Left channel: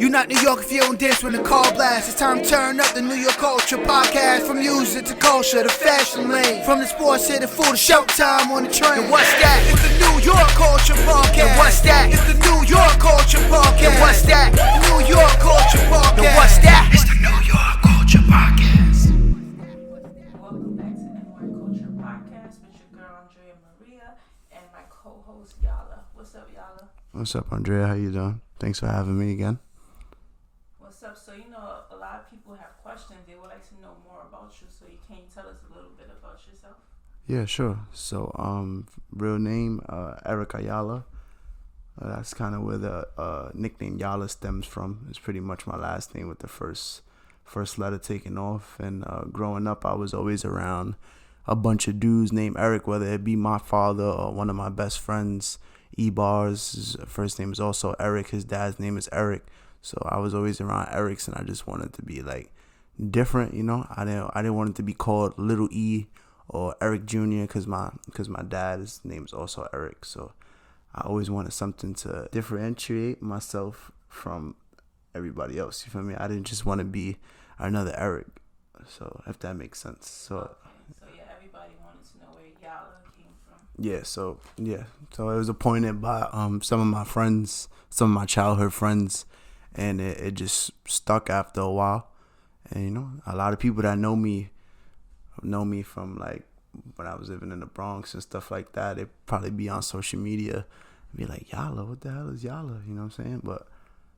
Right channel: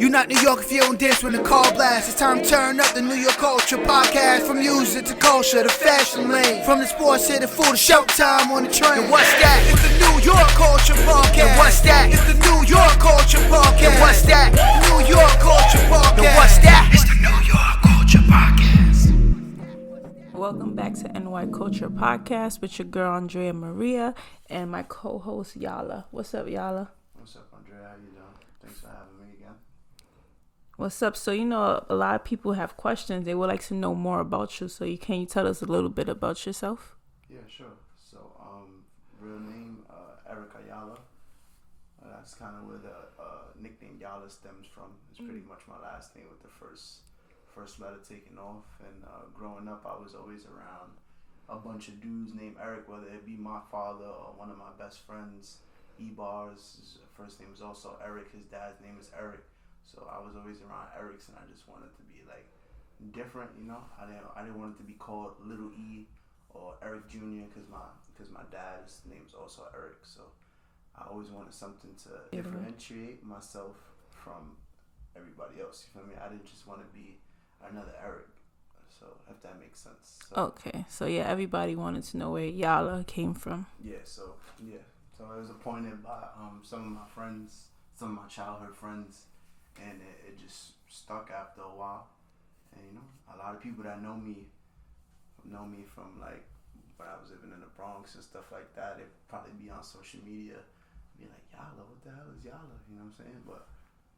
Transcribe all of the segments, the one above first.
You not New York if you don't dance when the call blasts. It's time to turn up the New York culture podcast. From music to culture to fashion lane. From the sports to the food to showtime on the train. And what's that? It's the New York culture podcast. And what's that? It's the New York culture podcast. And what's that? New York culture podcast. And what's that? It's the New York culture podcast. Welcome back to NY Culture Podcast with your girl Andrea Maria and my co-host Yala. What's up, Yala? What's up, Andrea? How you doing? Thanks for having me again. What's up? So, a lot of people have questions. They would like to know more about you. So, can you tell us a little bit about yourself? Yeah, sure. So, real name, Eric Ayala. That's kind of where the nickname Yala stems from. It's pretty much my last name with the first letter taken off. And growing up, I was always around a bunch of dudes named Eric, whether it be my father or one of my best friends, E-Bars. His first name is also Eric. His dad's name is Eric. So I was always around Erics, and I just wanted to be like different, I didn't want it to be called Little E or Eric Jr. because my dad's name is also Eric. So I always wanted something to differentiate myself from everybody else. You feel me? I didn't just want to be another Eric. So if that makes sense. So, okay. So everybody wanted to know where Yala came from. So it was appointed by some of my friends, some of my childhood friends. And it just stuck after a while. And, a lot of people that know me from, like, when I was living in the Bronx and stuff like that. They'd probably be on social media and be like, Yala, what the hell is Yala? You know what I'm saying? But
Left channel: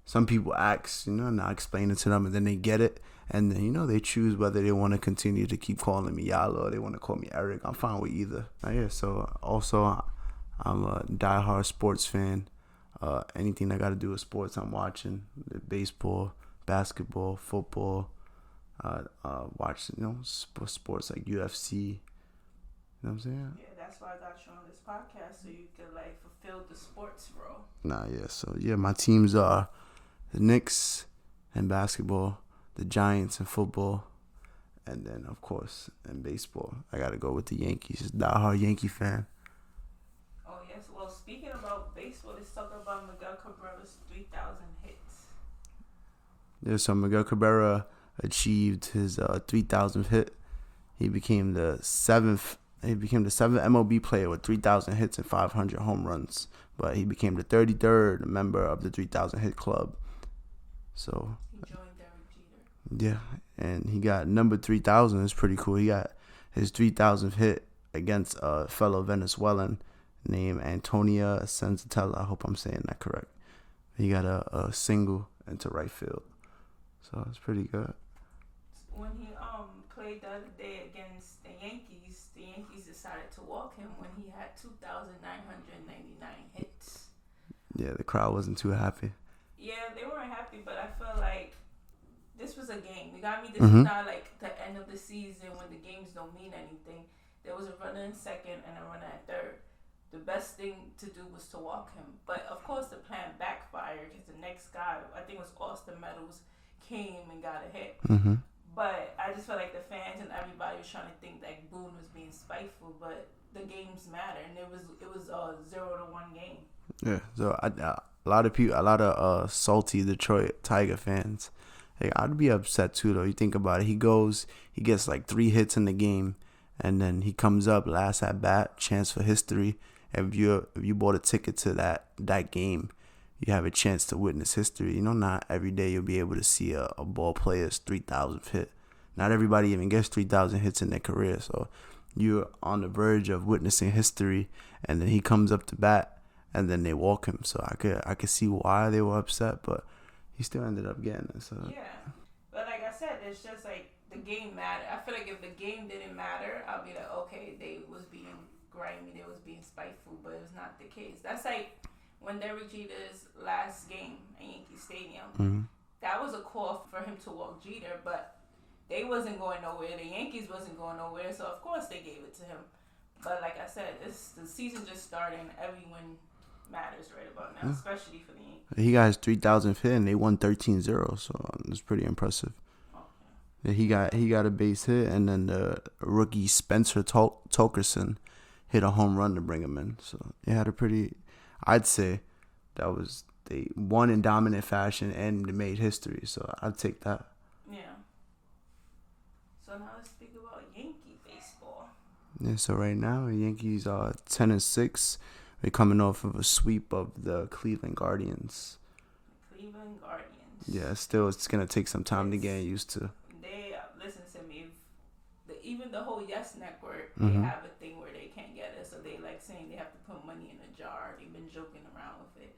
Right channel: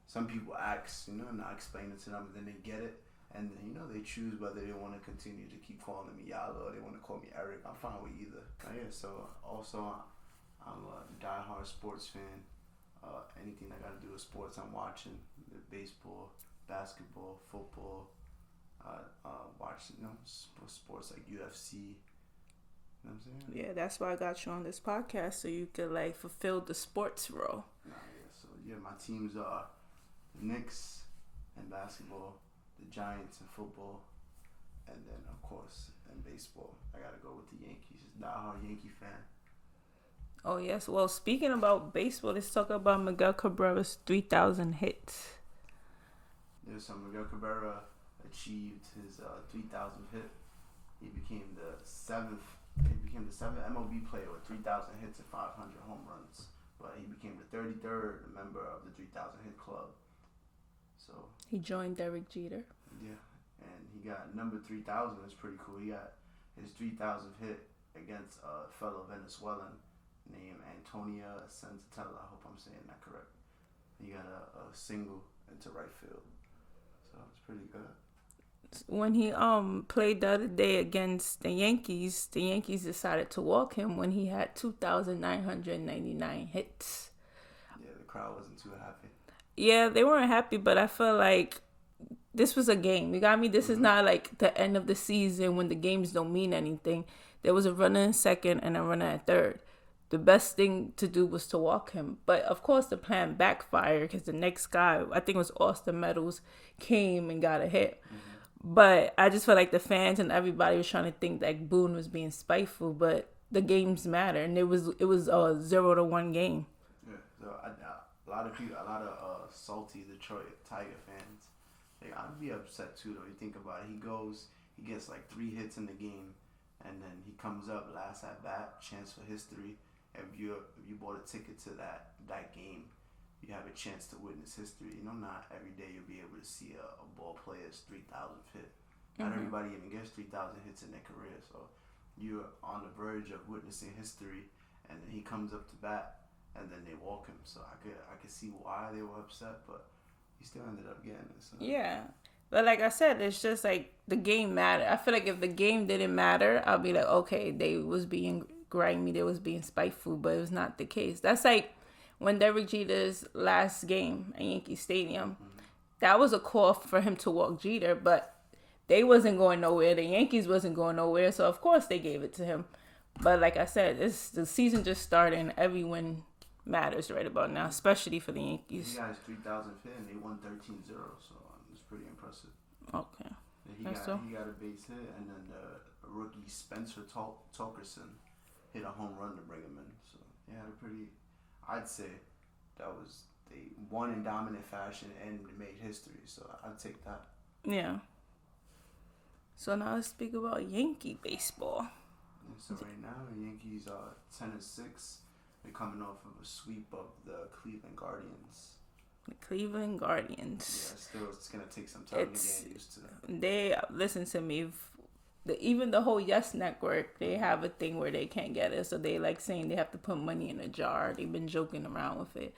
some people ask, and I explain it to them, and then they get it. And then, they choose whether they want to continue to keep calling me Yala or they want to call me Eric. I'm fine with either. So also, I'm a diehard sports fan. Anything I got to do with sports, I'm watching. Baseball, basketball, football. Watch, sports like UFC. You know what I'm saying? Yeah, that's why I got you on this podcast, so you could, fulfill the sports role. So, my teams are the Knicks in basketball, the Giants in football, and then, of course, in baseball, I got to go with the Yankees. Just diehard Yankee fan. Oh, yes. Well, speaking about baseball, let's talk about Miguel Cabrera's 3,000 hits. Yeah, so Miguel Cabrera achieved his 3,000th hit. He became the seventh MLB player with 3,000 hits and 500 home runs. But he became the 33rd member of the 3,000 hit club. So he joined Derek Jeter. Yeah, and he got number 3,000. It's pretty cool. He got his 3,000th hit against a fellow Venezuelan named Antonia Senzatella. I hope I'm saying that correct. He got a single into right field. So it's pretty good. When he played the other day against the Yankees decided to walk him when he had 2,999 hits. Yeah, the crowd wasn't too happy. Yeah, they weren't happy, but I feel like this was a game. You got me? This is not like the end of the season when the games don't mean anything. There was a runner in second and a runner at third. The best thing to do was to walk him. But, of course, the plan backfired because the next guy, I think it was Austin Meadows, came and got a hit. Mm-hmm. But I just felt like the fans and everybody was trying to think that Boone was being spiteful. But the games matter, and it was a 0-1 game. Yeah, so a lot of salty Detroit Tiger fans. Hey, I'd be upset, too, though. You think about it. He gets like 3 hits in the game, and then he comes up last at bat, chance for history. If you bought a ticket to that game, you have a chance to witness history. Not every day you'll be able to see a ball player's 3,000th hit. Not everybody even gets 3,000 hits in their career. So you're on the verge of witnessing history, and then he comes up to bat, and then they walk him. So I could see why they were upset, but he still ended up getting it. So. Yeah. But like I said, it's just like the game mattered. I feel like if the game didn't matter, I'll be like, okay, they was being grimy, they was being spiteful, but it was not the case. That's like when Derek Jeter's last game at Yankee Stadium. Mm-hmm. That was a call for him to walk Jeter, but they wasn't going nowhere. The Yankees wasn't going nowhere, so of course they gave it to him. But like I said, the season just started, and every win matters right about now, especially for the Yankees. He got his 3,000th hit, and they won 13-0, so it's pretty impressive. Okay. Yeah, he got a base hit, and then the rookie Spencer Torkelson hit a home run to bring him in. So they had a pretty, I'd say that was they won in dominant fashion and they made history. So I'd take that. Yeah. So now let's speak about Yankee baseball. Yeah. So right now, the Yankees are 10-6. They're coming off of a sweep of the Cleveland Guardians. The Cleveland Guardians. Yeah. Still, it's gonna take some time to get used to. They listen to me. Even the whole Yes Network, they have a thing where they can't get it, so they like saying they have to put money in a jar. They've been joking around with it,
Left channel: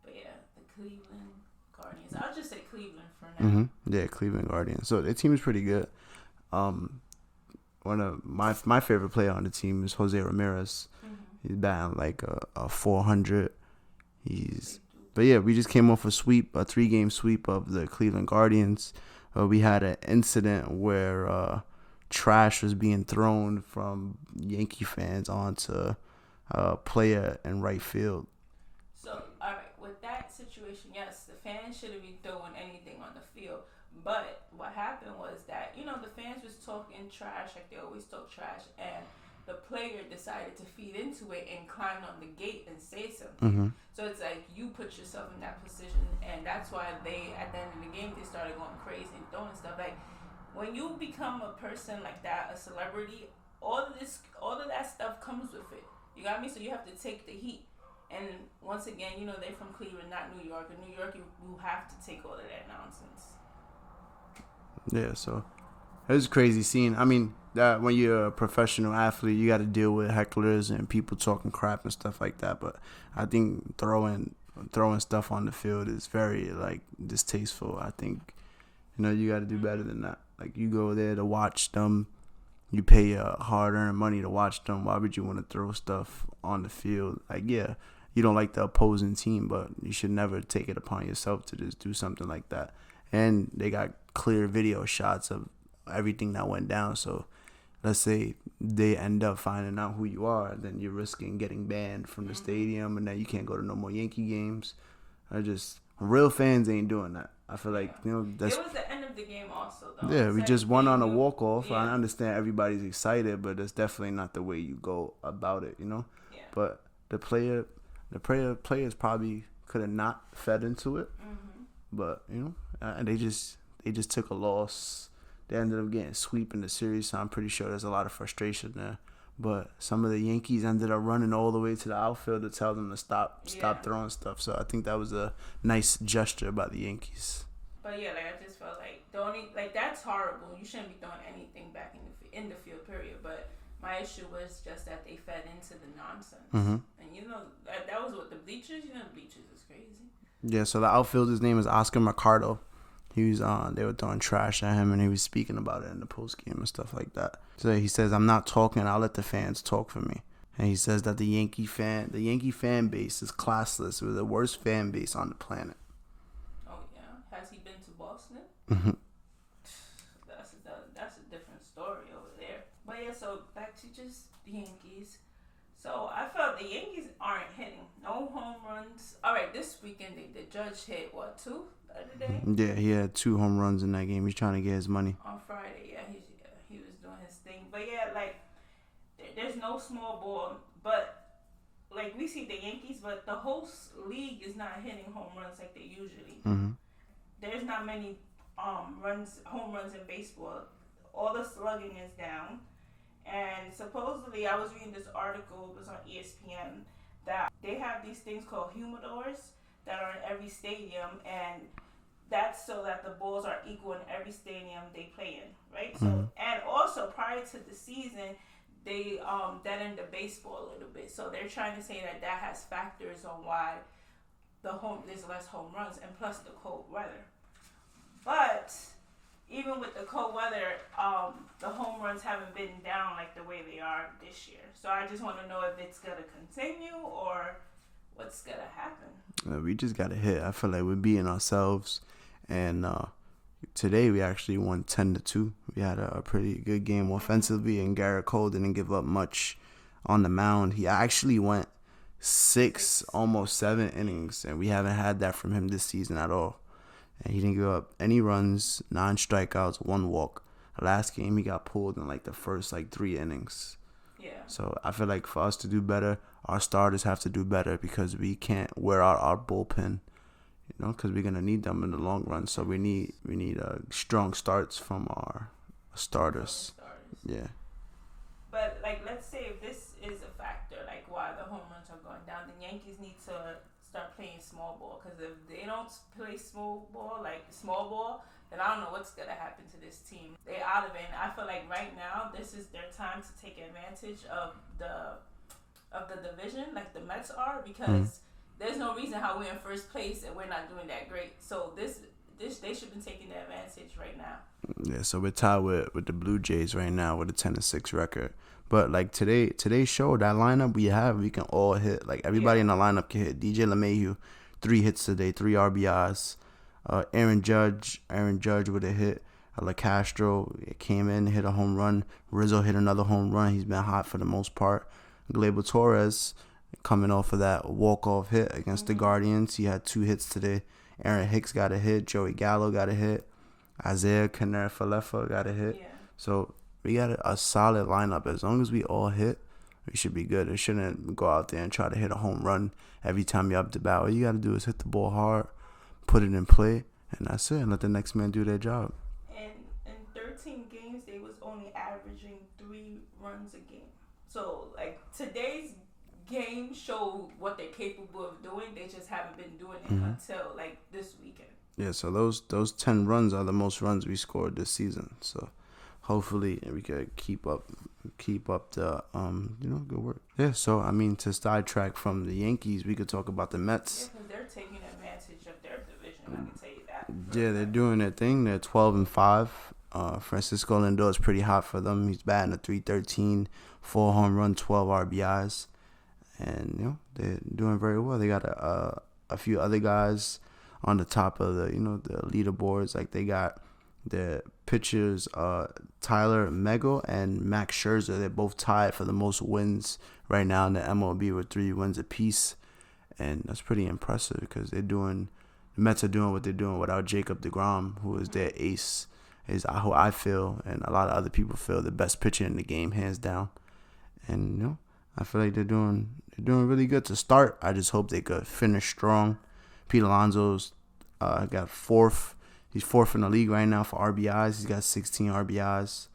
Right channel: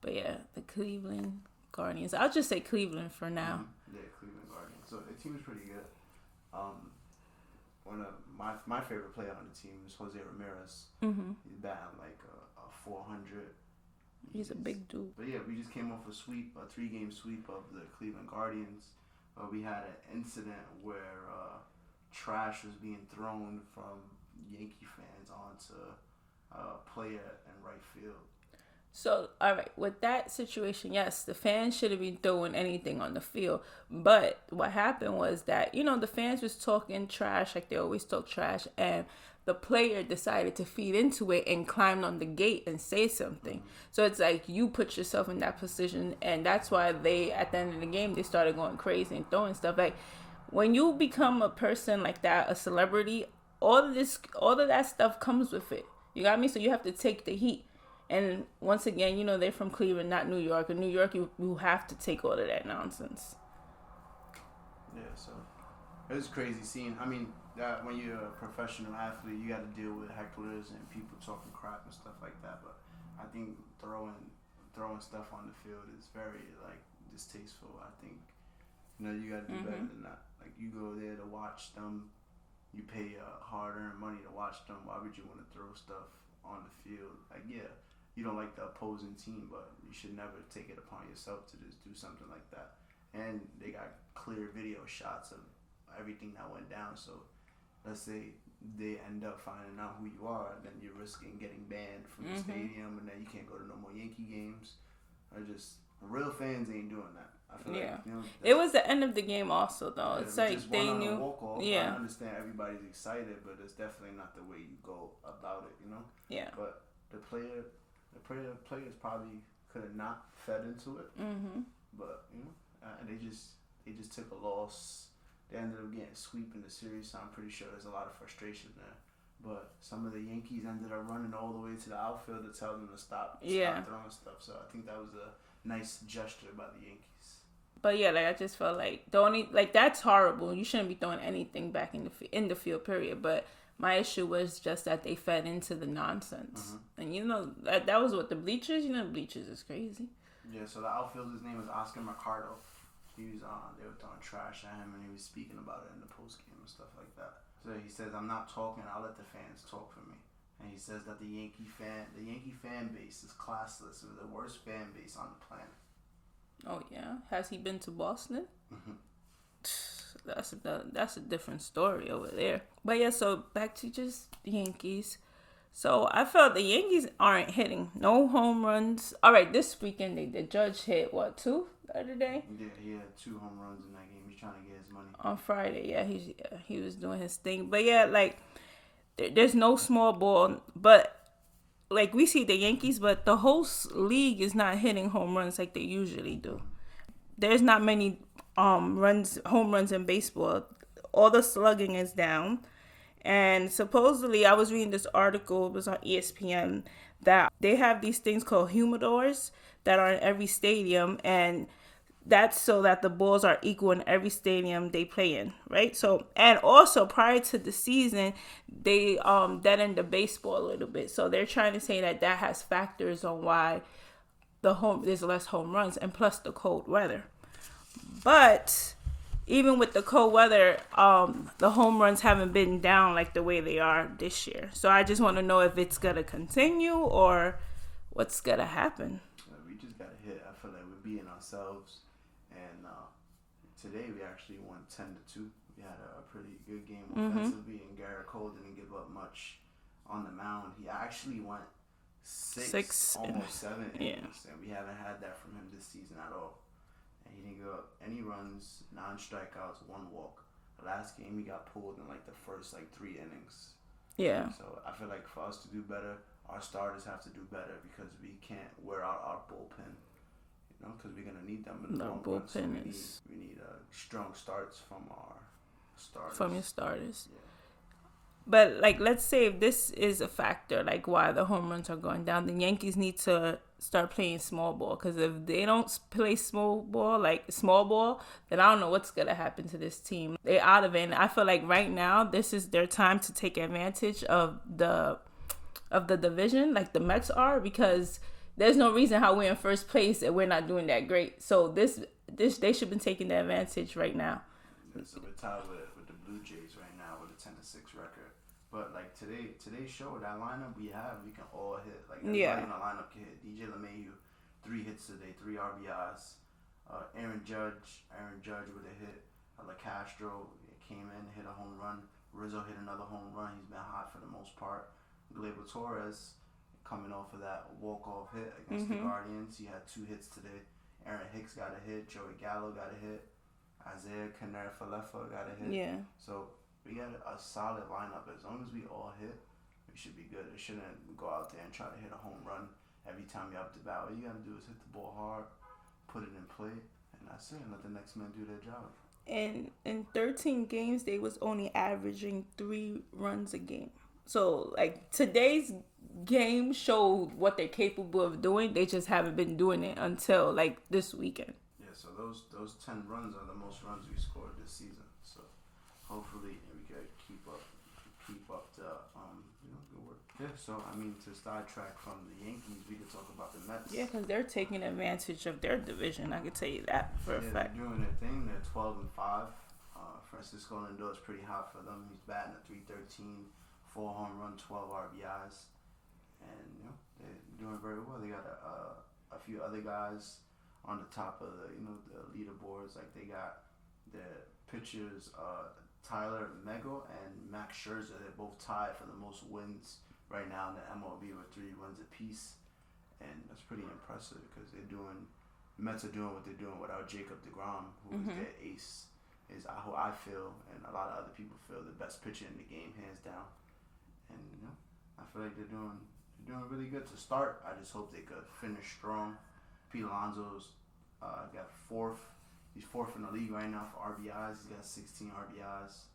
but yeah, the Cleveland Guardians. I'll just say Cleveland for now. Yeah, Cleveland Guardians. So their team is pretty good. One of my favorite player on the team is Jose Ramirez. He's batting like a 400. He's a big dude. But yeah, we just came off a 3-game sweep of the Cleveland Guardians. We had an incident where trash was being thrown from Yankee fans onto a player in right field. So, all right, with that situation, yes, the fans shouldn't be throwing anything on the field. But what happened was that, the fans was talking trash like they always talk trash. And the player decided to feed into it and climbed on the gate and say something. So it's like you put yourself in that position. And that's why they, at the end of the game, they started going crazy and throwing stuff. Like, when you become a person like that, a celebrity, all of that stuff comes with it. You got me? So you have to take the heat. And once again, they're from Cleveland, not New York. In New York, you have to take all of that nonsense. Yeah, so it was crazy seeing. I mean, that when you're a professional athlete, you got to deal with hecklers and people talking crap and stuff like that. But I think throwing stuff on the field is very distasteful. I think you got to do better than that. Like, you go there to watch them. You pay your hard-earned money to watch them. Why would you want to throw stuff on the field? Like, yeah, you don't like the opposing team, but you should never take it upon yourself to just do something like that. And they got clear video shots of everything that went down. So let's say they end up finding out who you are, then you're risking getting banned from the stadium, and then you can't go to no more Yankee games. Real fans ain't doing that. I feel like, it was the end of the game also, though. Yeah, we just won on a walk-off. Yeah. I understand everybody's excited, but that's definitely not the way you go about it, Yeah. But the players probably could have not fed into it. But, and they just took a loss. They ended up getting sweep in the series, so I'm pretty sure there's a lot of frustration there. But some of the Yankees ended up running all the way to the outfield to tell them to stop throwing stuff. So I think that was a nice gesture by the Yankees. But yeah, I just felt like that's horrible. You shouldn't be throwing anything back in the field, period. But my issue was just that they fed into the nonsense, and that was what the bleachers. The bleachers is crazy. Yeah. So the outfielder's name is Oscar Mercado. He was they were throwing trash at him, and he was speaking about it in the post game and stuff like that. So he says, "I'm not talking. I'll let the fans talk for me." And he says that the Yankee fan base is classless. We're the worst fan base on the planet. Oh yeah, has he been to Boston? That's a different story over there. But yeah, so back to just the Yankees. So I felt the Yankees aren't hitting no home runs. All right, this weekend the Judge hit 2 the other day. Yeah, he had 2 home runs in that game. He's trying to get his money on Friday. Yeah, he was doing his thing. But yeah, there's no small ball. But we see the Yankees, but the whole league is not hitting home runs like they usually do. There's not many home runs in baseball. All the slugging is down. And supposedly, I was reading this article, it was on ESPN, that they have these things called humidors that are in every stadium, and that's so that the balls are equal in every stadium they play in, right? So, and also prior to the season, they deadened the baseball a little bit. So they're trying to say that has factors on why there's less home runs, and plus the cold weather. But even with the cold weather, the home runs haven't been down like the way they are this year. So I just want to know if it's going to continue or what's going to happen. We just got to hit. I feel like we're beating ourselves. And today we actually won 10-2. We had a pretty good game offensively, and Garrett Cole didn't give up much on the mound. He actually went six almost 7 innings, and we haven't had that from him this season at all. And he didn't give up any runs, 9 strikeouts, 1 walk. Last game, he got pulled in the first 3 innings. Yeah. So I feel like for us to do better, our starters have to do better because we can't wear out our bullpen. you know, because we're gonna need them in the long run. So we need strong starts from our starters. From your starters. Yeah. But like, let's say if this is a factor, like why the home runs are going down, the Yankees need to start playing small ball. Because if they don't play small ball, then I don't know what's gonna happen to this team. They're out of it. And I feel like right now this is their time to take advantage of the division, like the Mets are, because there's no reason how we're in first place and we're not doing that great. So this they should be taking the advantage right now. Yeah, so we're tied with the Blue Jays right now with a 10-6 record. But like today's show, that lineup we can all hit. Like everybody in the lineup can hit. DJ LeMahieu, 3 hits today, 3 RBIs. Aaron Judge with a hit. LaCastro came in, hit a home run. Rizzo hit another home run. He's been hot for the most part. Gleyber Torres coming off of that walk-off hit against the Guardians. He had 2 hits today. Aaron Hicks got a hit. Joey Gallo got a hit. Isaiah Canera-Falefa got a hit. Yeah. So we got a solid lineup. As long as we all hit, we should be good. It shouldn't go out there and try to hit a home run every time you're up to bat. All you got to do is hit the ball hard, put it in play, and that's it. And let the next man do their job. And in 13 games, they was only averaging 3 runs a game. So, like, today's game showed what they're capable of doing. They just haven't been doing it until, like, this weekend. Yeah, so those 10 runs are the most runs we scored this season. So hopefully we could keep up the good work. Yeah, so I mean, to sidetrack from the Yankees, we could talk about the Mets. Yeah, because they're taking advantage of their division. I can tell you that. Yeah, they're doing their thing. They're 12-5. Francisco Lindor is pretty hot for them. He's batting a .313, 4 home run, 12 RBIs, and they're doing very well. They got a few other guys on the top of the the leaderboards. Like they got the pitchers Tyler Miguel and Max Scherzer. They're both tied for the most wins right now in the MLB with 3 wins apiece, and that's pretty impressive because the Mets are doing what they're doing without Jacob deGrom, who is their ace, is who I feel and a lot of other people feel the best pitcher in the game, hands down. And I feel like they're doing really good to start. I just hope they could finish strong. Pete Alonso's got 4th. He's 4th in the league right now for RBIs. He's got 16 RBIs.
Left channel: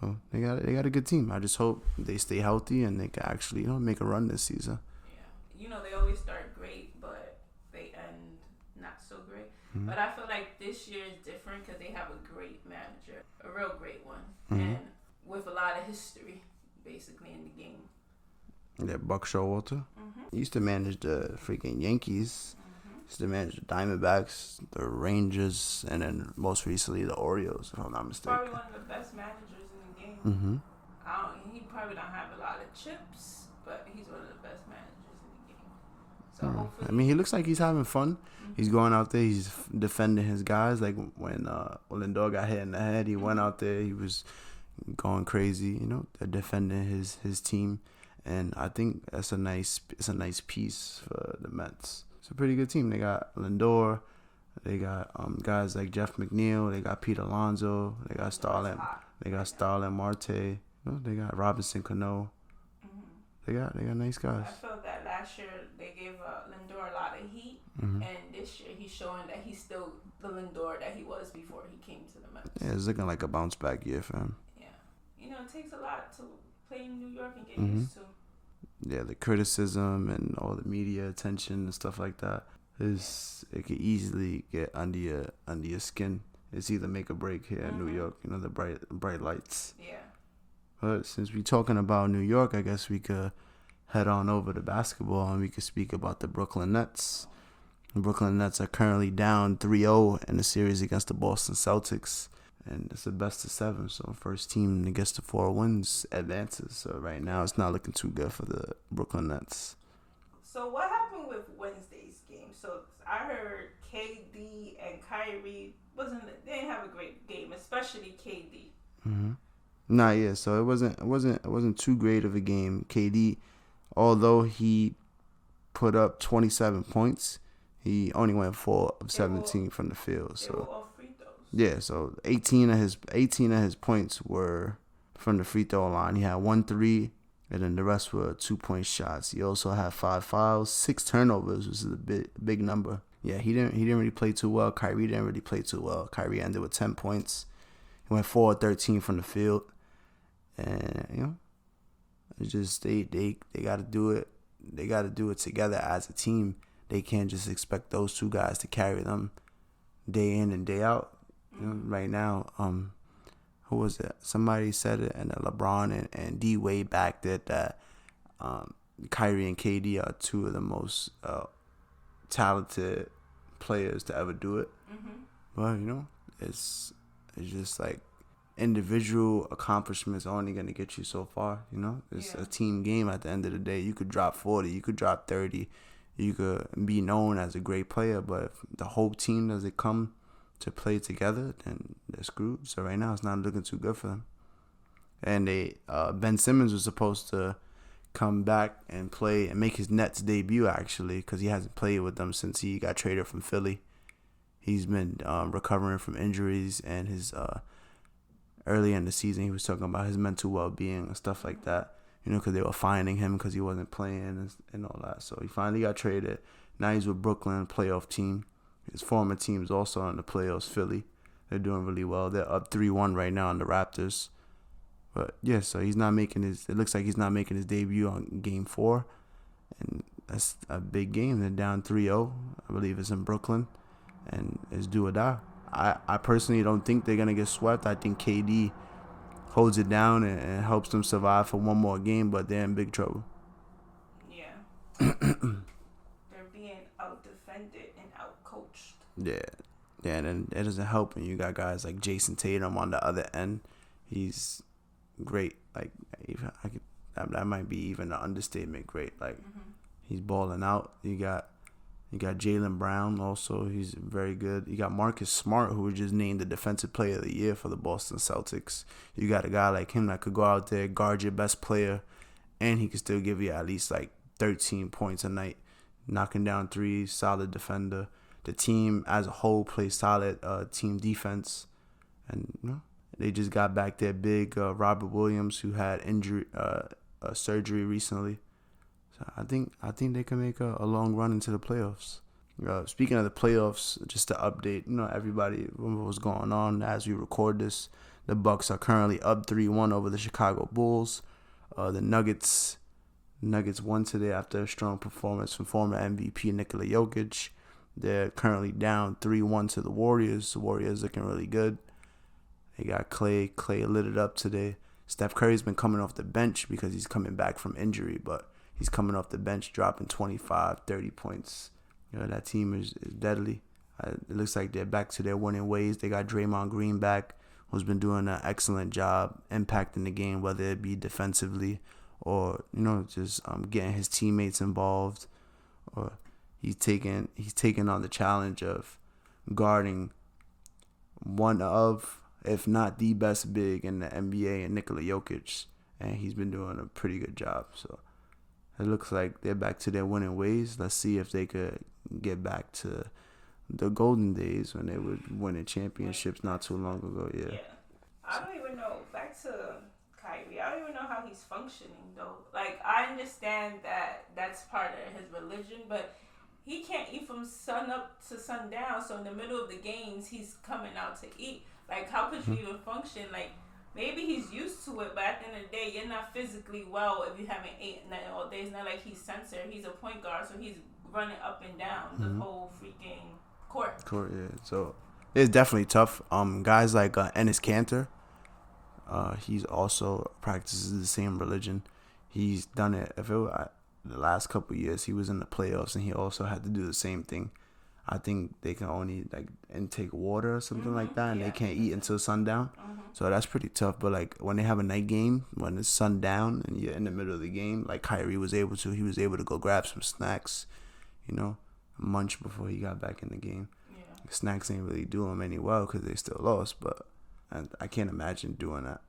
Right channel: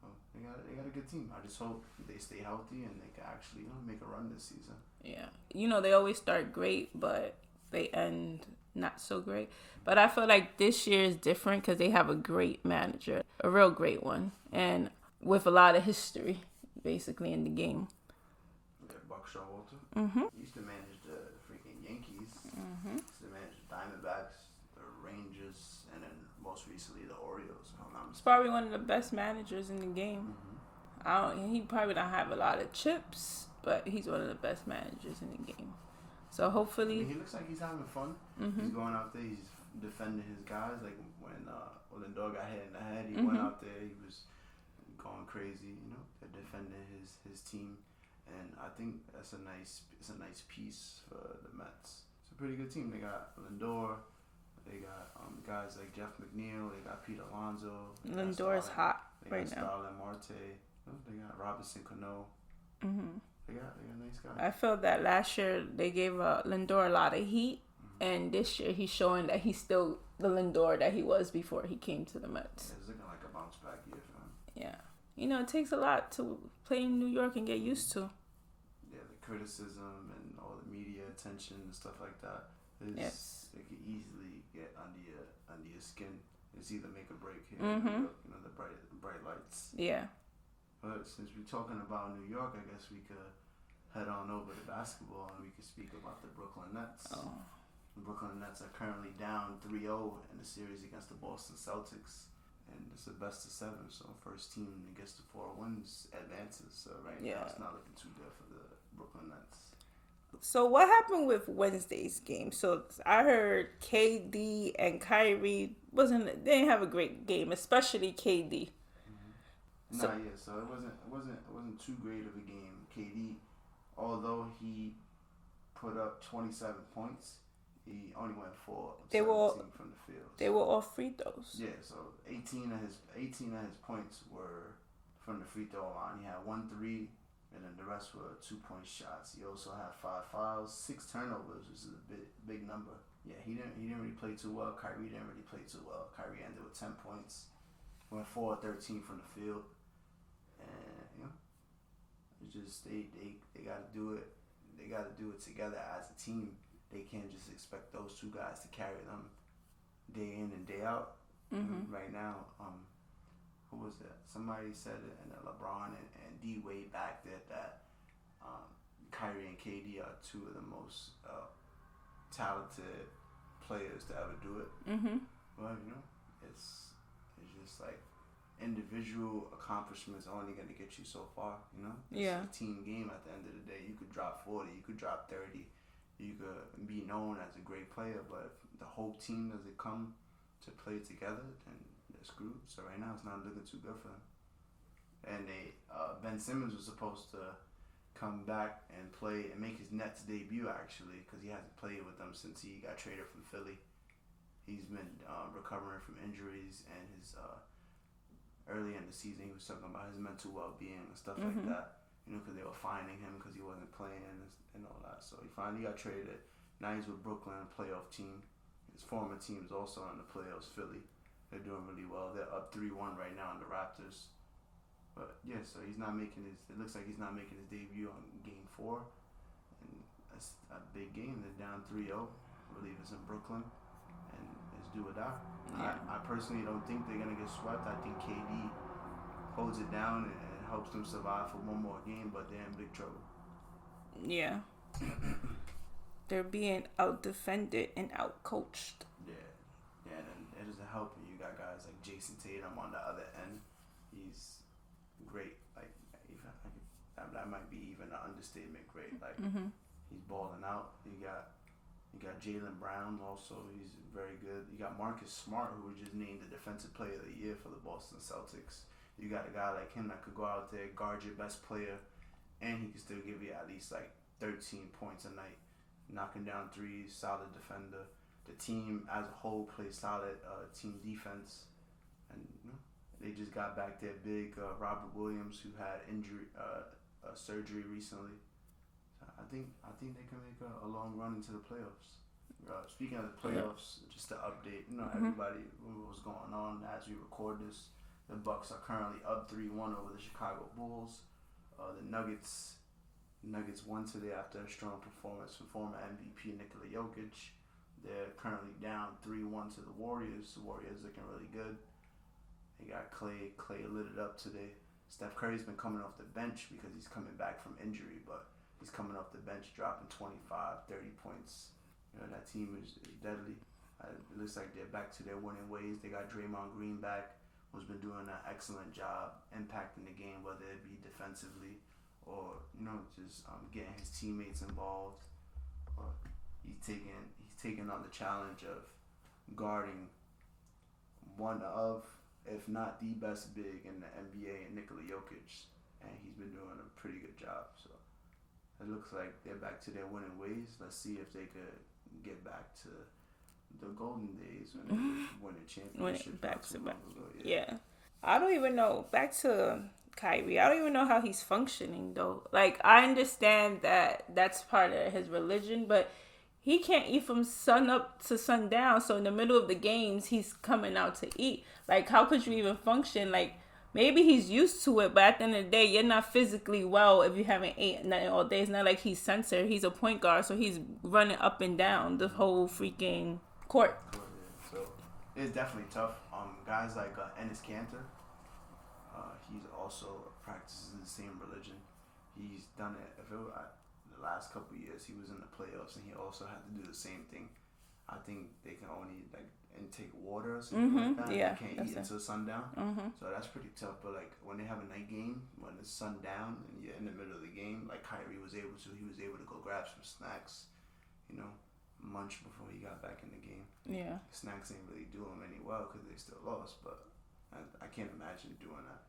So they got a good team. I just hope they stay healthy and they can actually make a run this season. Yeah, they always start great, but they end not so great. But I feel like this year is different because they have a great manager, a real great one, and with a lot of history, basically in the game. Yeah, Buck Showalter. He used to manage the freaking Yankees. He used to manage the Diamondbacks, the Rangers, and then most recently the Orioles, if I'm not mistaken. Probably one of the best managers in the game. He probably don't have a lot of chips, but he's one of the best managers in the game. So hopefully, I mean, he looks like he's having fun. He's going out there. He's defending his guys. Like when Lindor got hit in the head, he went out there. He was going crazy. Defending his team. And I think it's a nice piece for the Mets. It's a pretty good team. They got Lindor, they got guys like Jeff McNeil, they got Pete Alonso, they got Starlin, Starlin Marte, they got Robinson Cano. They got nice guys. I felt that last year they gave Lindor a lot of heat, and this year he's showing that he's still the Lindor that he was before he came to the Mets. Yeah, it's looking like a bounce back year for him. Yeah. It takes a lot to play in New York and get used to. Yeah, the criticism and all the media attention and stuff like that it could easily get under your skin. It's either make or break here in New York. The bright lights. Yeah. But since we're talking about New York, I guess we could head on over to basketball and we could speak about the Brooklyn Nets. The Brooklyn Nets are currently down 3-0 in the series against the Boston Celtics. And it's the best of 7, so first team that gets to 4 wins advances. So right now it's not looking too good for the Brooklyn Nets. So what happened with Wednesday's game? So I heard KD and Kyrie they didn't have a great game, especially KD. So it wasn't too great of a game. KD, although he put up 27 points, he only went 4 of 17 from the field. They were all free throws. Yeah, so 18 of his points were from the free throw line. He had 1 3, and then the rest were 2-point shots. He also had 5 fouls, 6 turnovers, which is a big number. Yeah, he didn't really play too well. Kyrie didn't really play too well. Kyrie ended with 10 points. He went 4-13 from the field. And, you know, it's just they got to do it. They got to do it together as a team. They can't just expect those two guys to carry them day in and day out. You know, right now, who was it? Somebody said it, and LeBron and D Wade backed it, that Kyrie and KD are two of the most talented players to ever do it. But, you know, it's just like individual accomplishments are only going to get you so far, you know? It's a team game at the end of the day. You could drop 40, you could drop 30, you could be known as a great player, but if the whole team doesn't come to play together, then they're screwed. So right now, it's not looking too good for them. And Ben Simmons was supposed to come back and play and make his Nets debut, actually, because he hasn't played with them since he got traded from Philly. He's been recovering from injuries, and his early in the season, he was talking about his mental well-being and stuff like that, you know, because they were fining him because he wasn't playing and all that. So he finally got traded. Now he's with Brooklyn, playoff team. His former team is also in the playoffs, Philly. They're doing really well. They're up 3-1 right now on the Raptors. But, yeah, so he's not making his – it looks like he's not making his debut on Game 4. And that's a big game. They're down 3-0. I believe it's in Brooklyn. And it's do or die. I personally don't think they're going to get swept. I think KD holds it down and helps them survive for one more game, but they're in big trouble. Yeah. They're being out-defended and out-coached. Yeah, and then it doesn't help when you got guys like Jason Tatum on the other end. He's great. Like, that might be even an understatement. Great. Like, he's balling out. You got Jaylen Brown also. He's very good. You got Marcus Smart, who was just named the Defensive Player of the Year for the Boston Celtics. You got a guy like him that could go out there, guard your best player, and he could still give you at least like 13 points a night, knocking down threes, solid defender. The team as a whole plays solid team defense. And, you know, they just got back their big Robert Williams, who had surgery recently. I think they can make a long run into the playoffs. Speaking of the playoffs, just to update, you know, everybody what's going on as we record this. The Bucks are currently up 3-1 over the Chicago Bulls. The Nuggets won today after a strong performance from former MVP Nikola Jokic. They're currently down 3-1 to the Warriors. The Warriors looking really good. They got Clay. Clay lit it up today. Steph Curry's been coming off the bench because he's coming back from injury, but he's coming off the bench, dropping 25, 30 points. You know, that team is deadly. It looks like they're back to their winning ways. They got Draymond Green back, who's been doing an excellent job impacting the game, whether it be defensively or, you know, just getting his teammates involved. Or he's taking on the challenge of guarding one of, if not the best big in the NBA, and Nikola Jokic, and he's been doing a pretty good job. So it looks like they're back to their winning ways. Let's see if they could get back to the golden days when they were winning championships not too long ago. Yeah. I don't even know. Back to Kyrie. I don't even know how he's functioning, though. Like, I understand that that's part of his religion, but he can't eat from sun up to sundown. So in the middle of the games, he's coming out to eat. Like, how could you even function? Like, maybe he's used to it, but at the end of the day, you're not physically well if you haven't ate nothing all day. It's not like he's censored. He's a point guard, so he's running up and down the whole freaking court. Yeah. So it's definitely tough. Guys like Enes Kanter, he's also practices the same religion. He's done it. The last couple of years, he was in the playoffs, and he also had to do the same thing. I think they can only like intake water or something like that, and they can't eat until sundown. So that's pretty tough. But like when they have a night game, when it's sundown and you're in the middle of the game, like Kyrie was able to, he was able to go grab some snacks, you know, munch before he got back in the game. Yeah, snacks ain't really do him any well because they still lost, but I can't imagine doing that.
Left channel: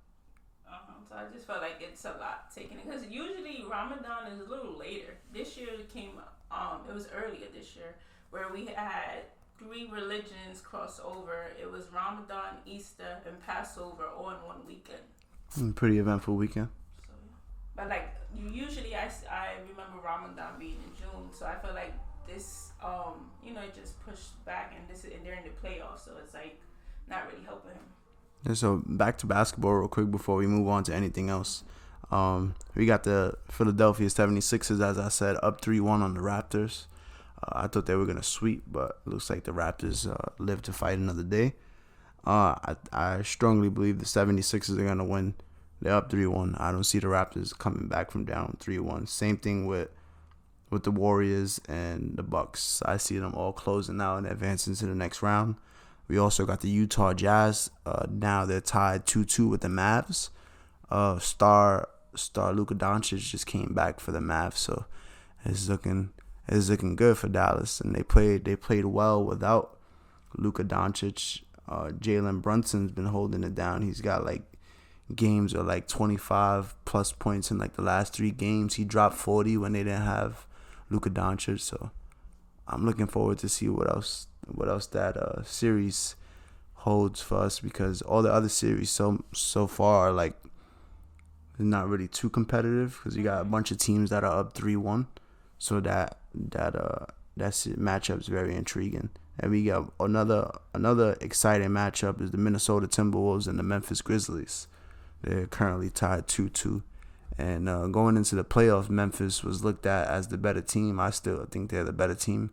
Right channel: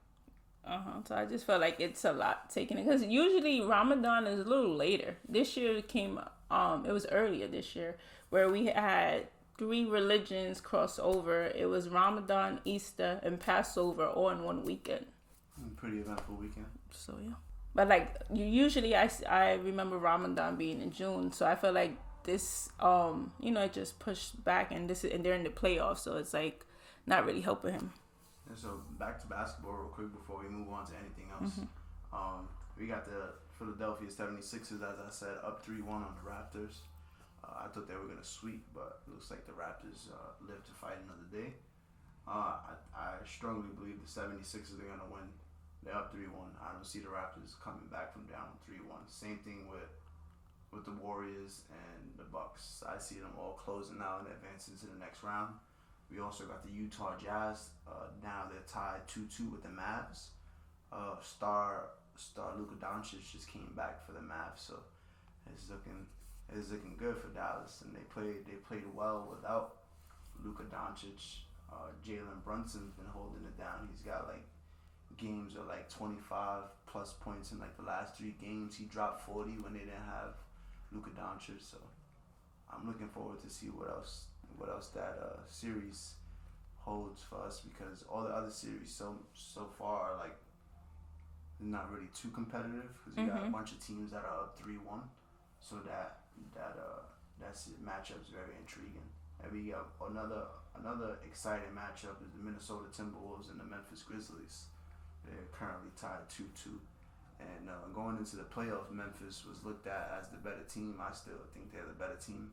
So I just felt like it's a lot taking it, because usually Ramadan is a little later. This year it came, it was earlier this year, where we had 3 religions cross over. It was Ramadan, Easter, and Passover all in one weekend. Pretty eventful weekend. So yeah, but like usually I remember Ramadan being in June, so I feel like this it just pushed back, and they're in the playoffs, so it's like not really helping him. Yeah, so back to basketball real quick before we move on to anything else. We got the Philadelphia 76ers, as I said, up 3-1 on the Raptors. I thought they were going to sweep, but it looks like the Raptors live to fight another day. I strongly believe the 76ers are going to win. They're up 3-1. I don't see the Raptors coming back from down 3-1. Same thing with the Warriors and the Bucks. I see them all closing out and advancing to the next round. We also got the Utah Jazz. Now they're tied 2-2 with the Mavs. Star Luka Doncic just came back for the Mavs, so it's looking good for Dallas. And they played well without Luka Doncic. Jalen Brunson's been holding it down. He's got like games of like 25 plus points in like the last 3 games. He dropped 40 when they didn't have Luka Doncic. So I'm looking forward to see what else that series holds for us, because all the other series so far are like not really too competitive, because you got a bunch of teams that are up 3-1. So that matchup is very intriguing. And we got another exciting matchup is the Minnesota Timberwolves and the Memphis Grizzlies. They're currently tied 2-2. And going into the playoffs, Memphis was looked at as the better team. I still think they're the better team.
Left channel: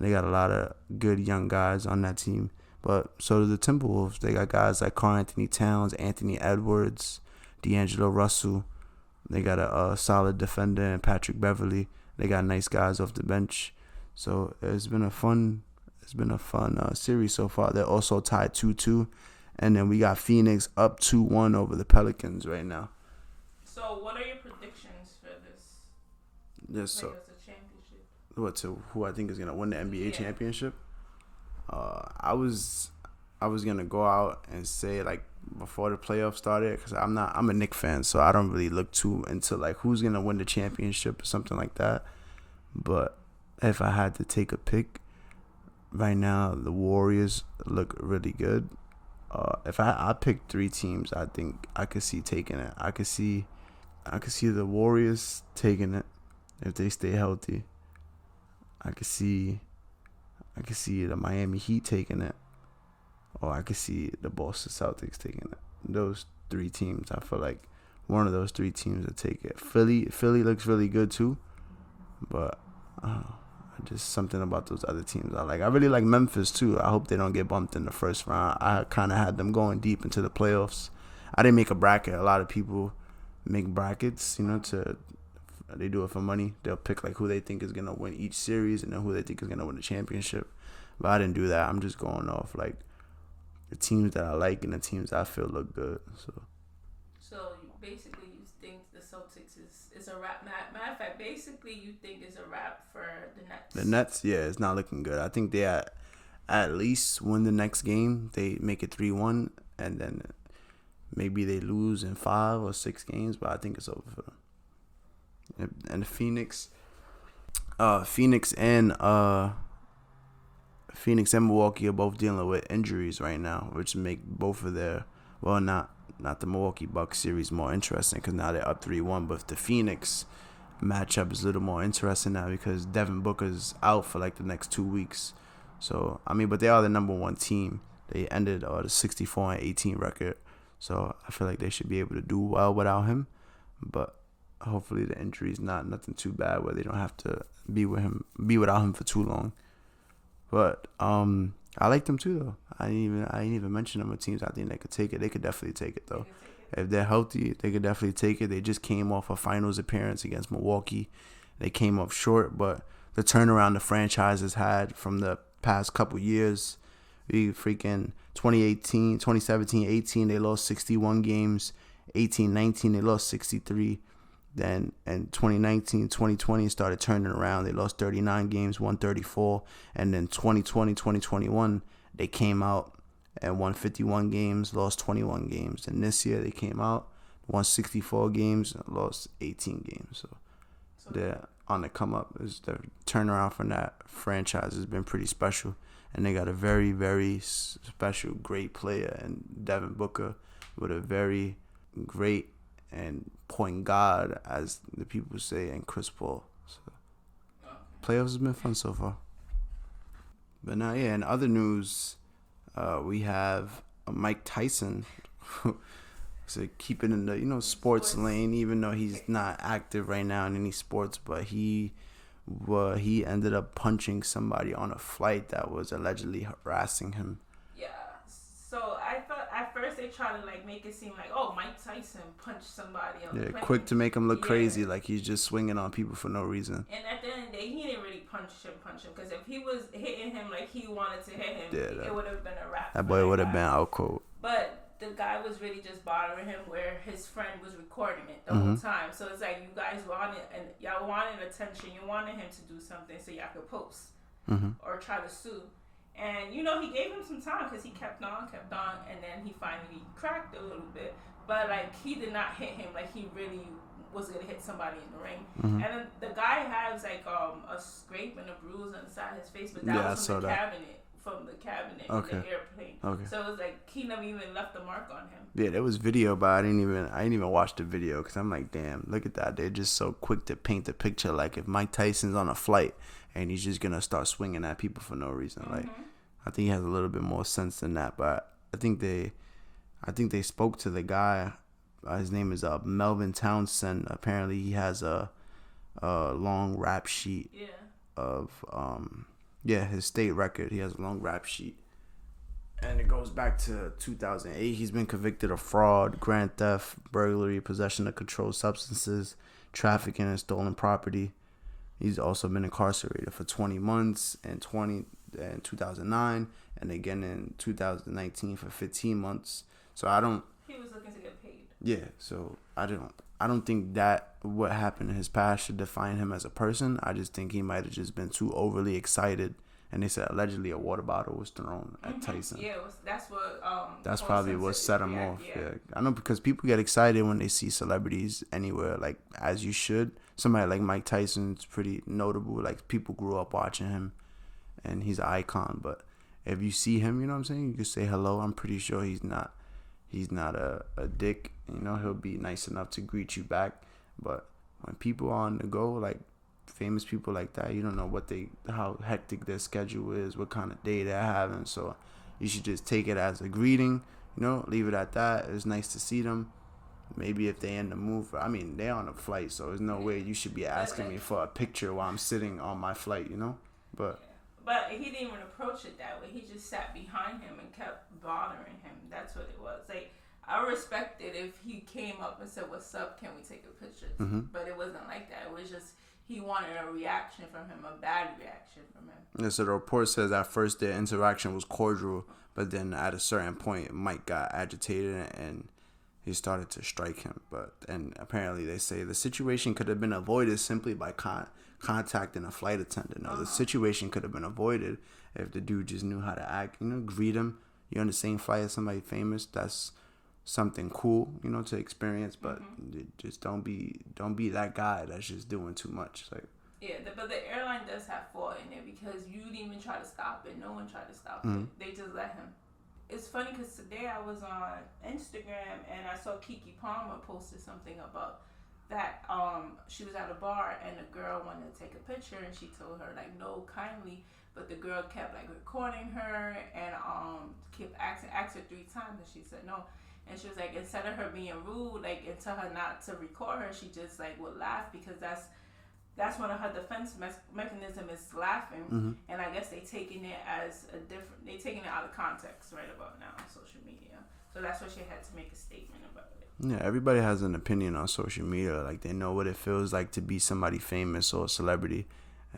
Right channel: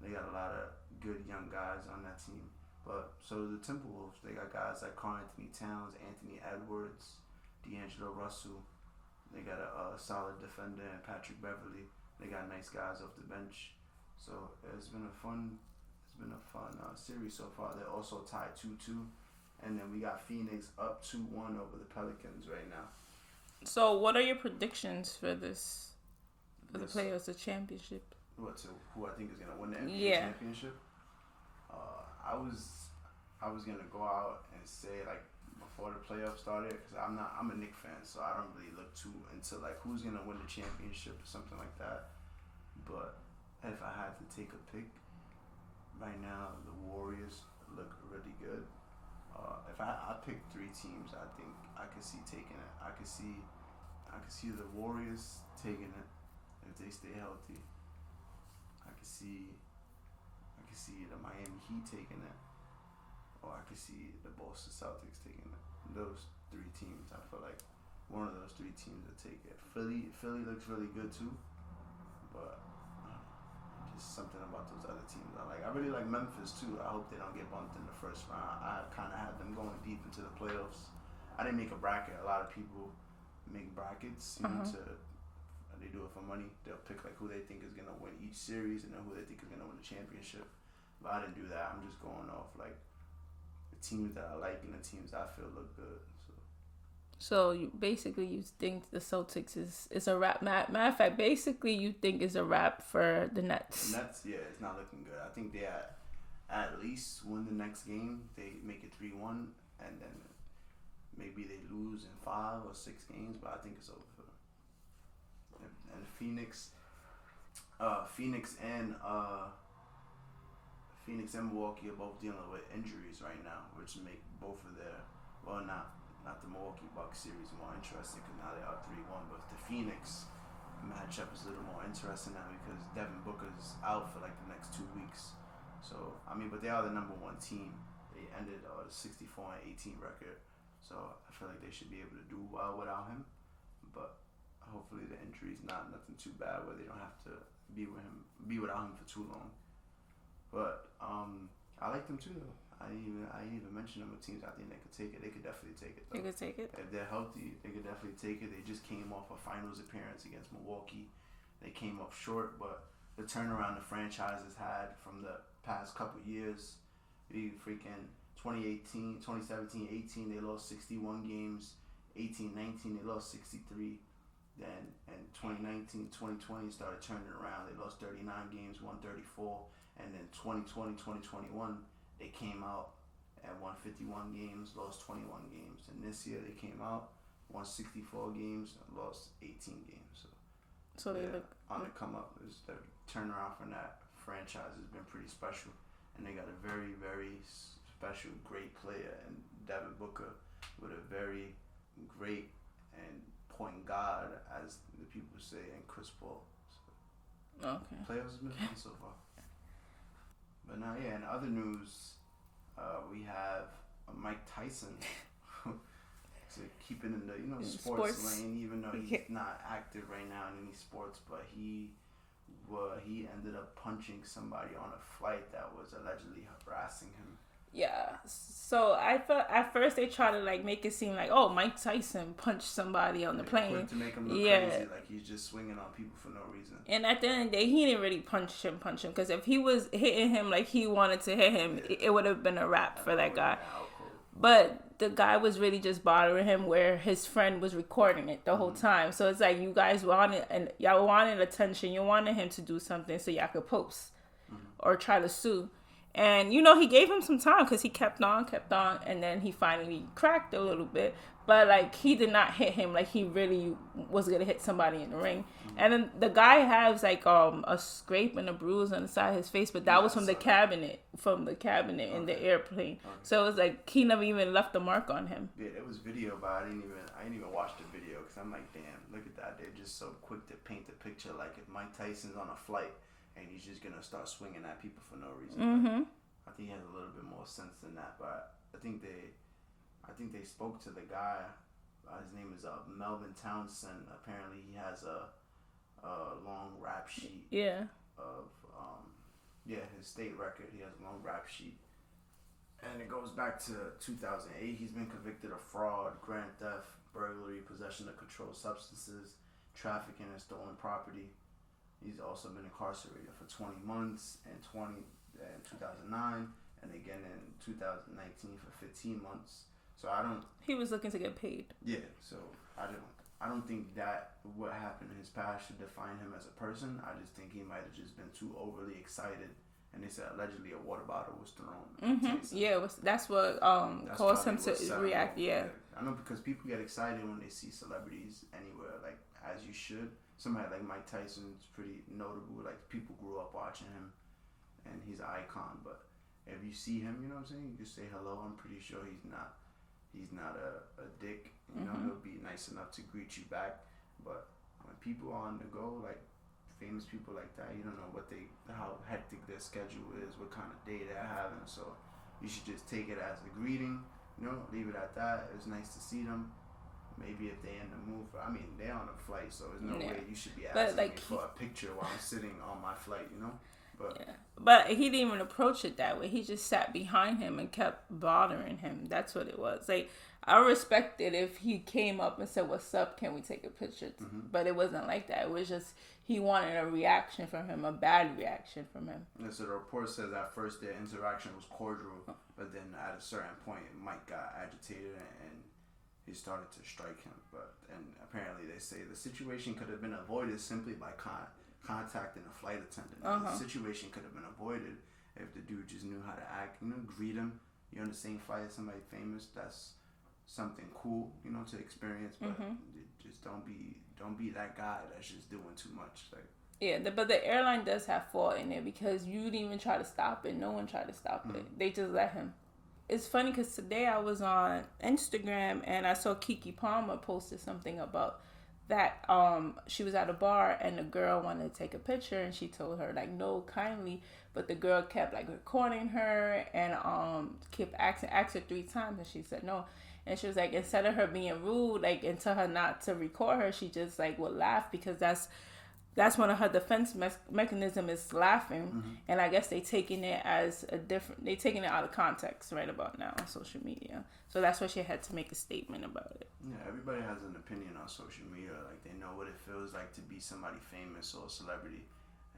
They got a lot of good young guys on that team. But so do the Timberwolves. They got guys like Karl Anthony Towns, Anthony Edwards, D'Angelo Russell. They got a solid defender in Patrick Beverly. They got nice guys off the bench. So it's been a fun series so far. They're also tied 2-2. And then we got Phoenix up 2-1 over the Pelicans right now. So what are your predictions for this? The playoffs, the championship? Who I think is gonna win the NBA championship? I was gonna go out and say like before the playoffs started, because I'm a Knicks fan, so I don't really look too into like who's gonna win the championship or something like that. But if I had to take a pick right now, the Warriors look really good. If I pick 3 teams, I think I could see taking it. I could see the Warriors taking it if they stay healthy. I could see the Miami Heat taking it, or I could see the Boston Celtics taking it. Those 3 teams, I feel like one of those 3 teams will take it. Philly looks really good too, but just something about those other teams I like. I really like Memphis too. I hope they don't get bumped in the first round. I kind of had them going deep into the playoffs. I didn't make a bracket. A lot of people make brackets, they do it for money. They'll pick like who they think is gonna win each series and then who they think is gonna win the championship. But I didn't do that. I'm just going off like the teams that I like and the teams I feel look good. So you think the Celtics is a wrap. Matter of fact, basically you think it's a wrap for the Nets. The Nets, yeah, it's not looking good. I think they at least win the next game. They make it 3-1, and then maybe they lose in 5 or 6 games. But I think it's over for them. And Phoenix and Milwaukee are both dealing with injuries right now, which make both of their not the Milwaukee Bucks series more interesting, because now they're up 3-1. But the Phoenix matchup is a little more interesting now because Devin Booker's out for like the next 2 weeks. So but they are the number 1 team. They ended the 64-18 record, so I feel like they should be able to do well without him. But hopefully the injury is nothing too bad where they don't have to be without him for too long. But I like them too though. I didn't even mention them as teams I think they could take it. They could definitely take it though. They could take it. If they're healthy, they could definitely take it. They just came off a finals appearance against Milwaukee. They came up short, but the turnaround the franchise has had from the past couple years, we freaking 2017-18, they lost 61 games. 18-19, they lost 63. Then in 2019-2020 started turning around. They lost 39 games, won 34. And then 2020-2021, they came out and won 51 games, lost 21 games. And this year they came out, won 64 games, lost 18 games. So they're on the come up. The turnaround from that franchise has been pretty special. And they got a very, very special, great player in Devin Booker with a very great and point guard, as the people say, and Chris Paul. So. Okay. Playoffs has been fun so far. But now, yeah, in other news, we have Mike Tyson. So keeping in the sports lane, even though he's not active right now in any sports, but he ended up punching somebody on a flight that was allegedly harassing him. Yeah. So I thought at first they tried to like make it seem like, oh, Mike Tyson punched somebody on the plane. Quick to make him look crazy, like he's just swinging on people for no reason. And at the end of the day, he didn't really punch him. Because if he was hitting him like he wanted to hit him, it would have been a wrap. That boy would have been out cold. But the guy was really just bothering him, where his friend was recording it the whole time. So it's like you guys wanted, and y'all wanted attention. You wanted him to do something so y'all could post or try to sue. And, he gave him some time because he kept on, and then he finally cracked a little bit. But, like, he did not hit him like he really was going to hit somebody in the ring. And then the guy has, like, a scrape and a bruise on the side of his face, but that was from the cabinet in the airplane. Okay. So it was like he never even left the mark on him. Yeah, there was video, but I didn't even watch the video because I'm like, damn, look at that. They're just so quick to paint the picture like if Mike Tyson's on a flight and he's just gonna start swinging at people for no reason. Like, I think he has a little bit more sense than that. But I think they spoke to the guy. His name is Melvin Townsend. Apparently, he has a long rap sheet. Of his state record. He has a long rap sheet, and it goes back to 2008. He's been convicted of fraud, grand theft, burglary, possession of controlled substances, trafficking, and stolen property. He's also been incarcerated for 20 months in 2009, and again in 2019 for 15 months. So He was looking to get paid. Yeah, so I don't think that what happened in his past should define him as a person. I just think he might have just been too overly excited. And they said allegedly a water bottle was thrown at Tyson. Yeah, that's what. That's probably what set him off. Yeah, I know, because people get excited when they see celebrities anywhere, like, as you should. Somebody like Mike Tyson's pretty notable. Like, people grew up watching him, and he's an icon. But if you see him, you know what I'm saying, you can say hello. I'm pretty sure he's not a dick. He'll be nice enough to greet you back. But when people are on the go, like famous people like that, you don't know how hectic their schedule is, what kind of day they're having. So you should just take it as a greeting, leave it at that. It's nice to see them. Maybe if they in the mood they're on a flight, so there's no way you should be asking me for a picture while I'm sitting on my flight, But he didn't even approach it that way. He just sat behind him and kept bothering him. That's what it was. Like, I respect it if he came up and said, "What's up? Can we take a picture?" But it wasn't like that. It was just he wanted a reaction from him, a bad reaction from him. Yeah, so the report says at first their interaction was cordial, but then at a certain point, Mike got agitated and he started to strike him. And apparently they say the situation could have been avoided simply by contacting a flight attendant. Now, the situation could have been avoided if the dude just knew how to act, greet him. You're on the same flight as somebody famous. That's something cool, to experience, but just don't be that guy that's just doing too much. Like, yeah, but the airline does have fault in it because you didn't even try to stop it. No one tried to stop it. They just let him. It's funny because today I was on Instagram and I saw Keke Palmer posted something about that. She was at a bar and the girl wanted to take a picture and she told her like, no, kindly, but the girl kept like recording her and kept asking her 3 times and she said no. And she was like, instead of her being rude, like, and tell her not to record her, she just like would laugh because that's one of her defense mechanism is laughing. And I guess they taking it out of context right about now on social media. So that's why she had to make a statement about it. Yeah, everybody has an opinion on social media. Like, they know what it feels like to be somebody famous or a celebrity.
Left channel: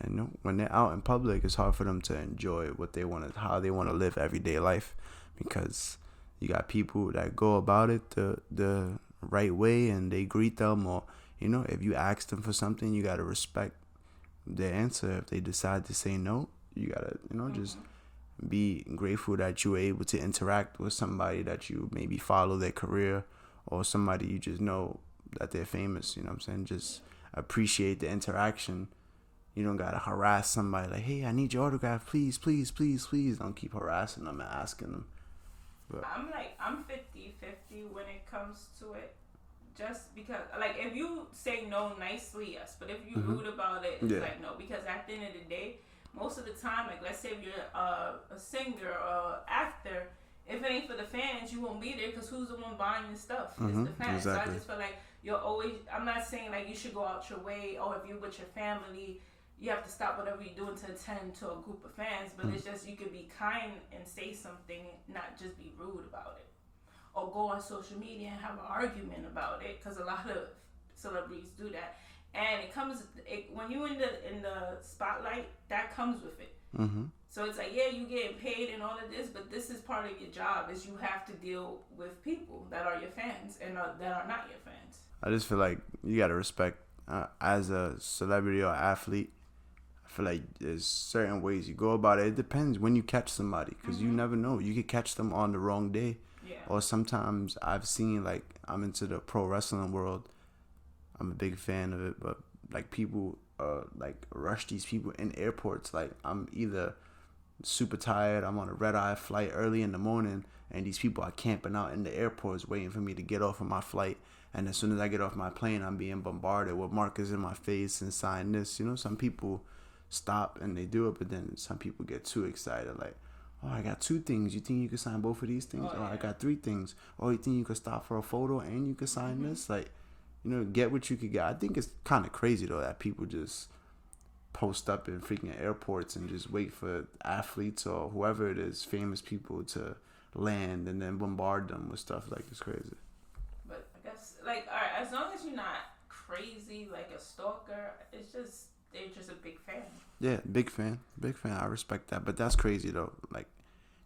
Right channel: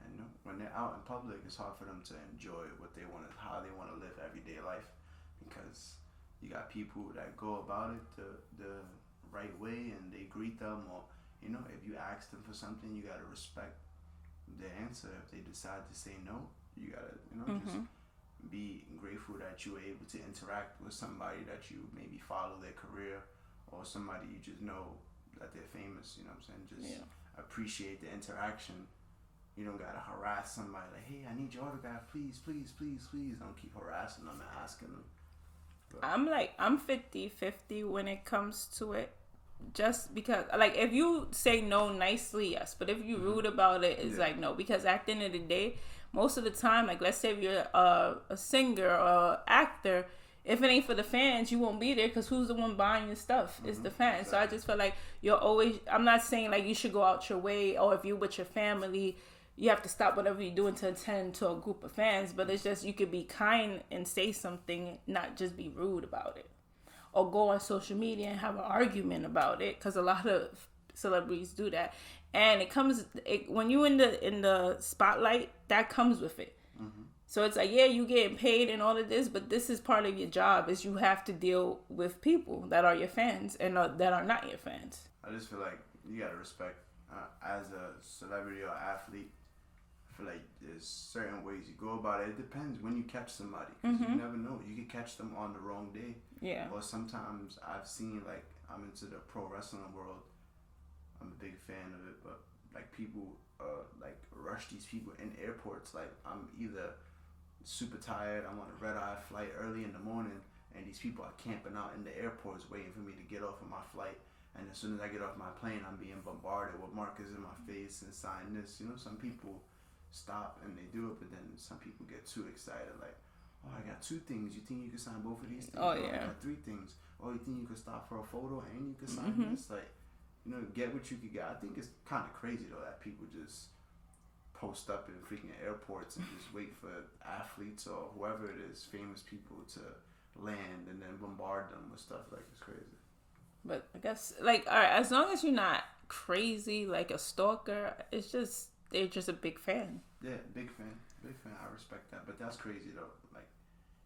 And when they're out in public, it's hard for them to enjoy how they want to live everyday life, because you got people that go about it the right way and they greet them, or if you ask them for something, you gotta respect their answer. If they decide to say no, you gotta just be grateful that you were able to interact with somebody that you maybe follow their career, or somebody you just know that they're famous. You know what I'm saying? Just appreciate the interaction. You don't gotta harass somebody like, hey, I need your autograph, please, please, please, please. Don't keep harassing them and asking them. But I'm 50-50 when it comes to it, just because, like, if you say no nicely, yes, but if you rude about it, it's like no, because at the end of the day, most of the time, like, let's say if you're a singer or actor, if it ain't for the fans, you won't be there, because who's the one buying your stuff? It's the fans. Exactly. So I just feel like you're always, I'm not saying like you should go out your way, or if you're with your family, you have to stop whatever you're doing to attend to a group of fans, but it's just, you could be kind and say something, not just be rude about it. Or go on social media and have an argument about it, because a lot of celebrities do that, and when you in the spotlight, that comes with it. So it's like, yeah, you getting paid and all of this, but this is part of your job, is you have to deal with people that are your fans and that are not your fans. I just feel like you gotta respect, as a celebrity or athlete. I feel like there's certain ways you go about it. It depends when you catch somebody, because you never know. You could catch them on the wrong day. Yeah. Or sometimes I've seen, like, I'm into the pro wrestling world. I'm a big fan of it, but like people like rush these people in airports. Like, I'm either super tired, I'm on a red-eye flight early in the morning, and these people are camping out in the airports waiting for me to get off of my flight. And as soon as I get off my plane, I'm being bombarded with markers in my face and sign this. You know, some people stop and they do it, but then some people get too excited, like, oh, I got 2 things. You think you can sign both of these things? Oh, yeah. yeah. I got 3 things. Oh, you think you can stop for a photo and you can sign this? Like, you know, get what you could get. I think it's kind of crazy, though, that people just post up in freaking airports and just wait for athletes or whoever it is, famous people, to land and then bombard them with stuff. Like, it's crazy. But I guess, like, all right, as long as you're not crazy, like a stalker, it's just, they're just a big fan. Yeah, big fan. Big fan. I respect that. But that's crazy, though. Like,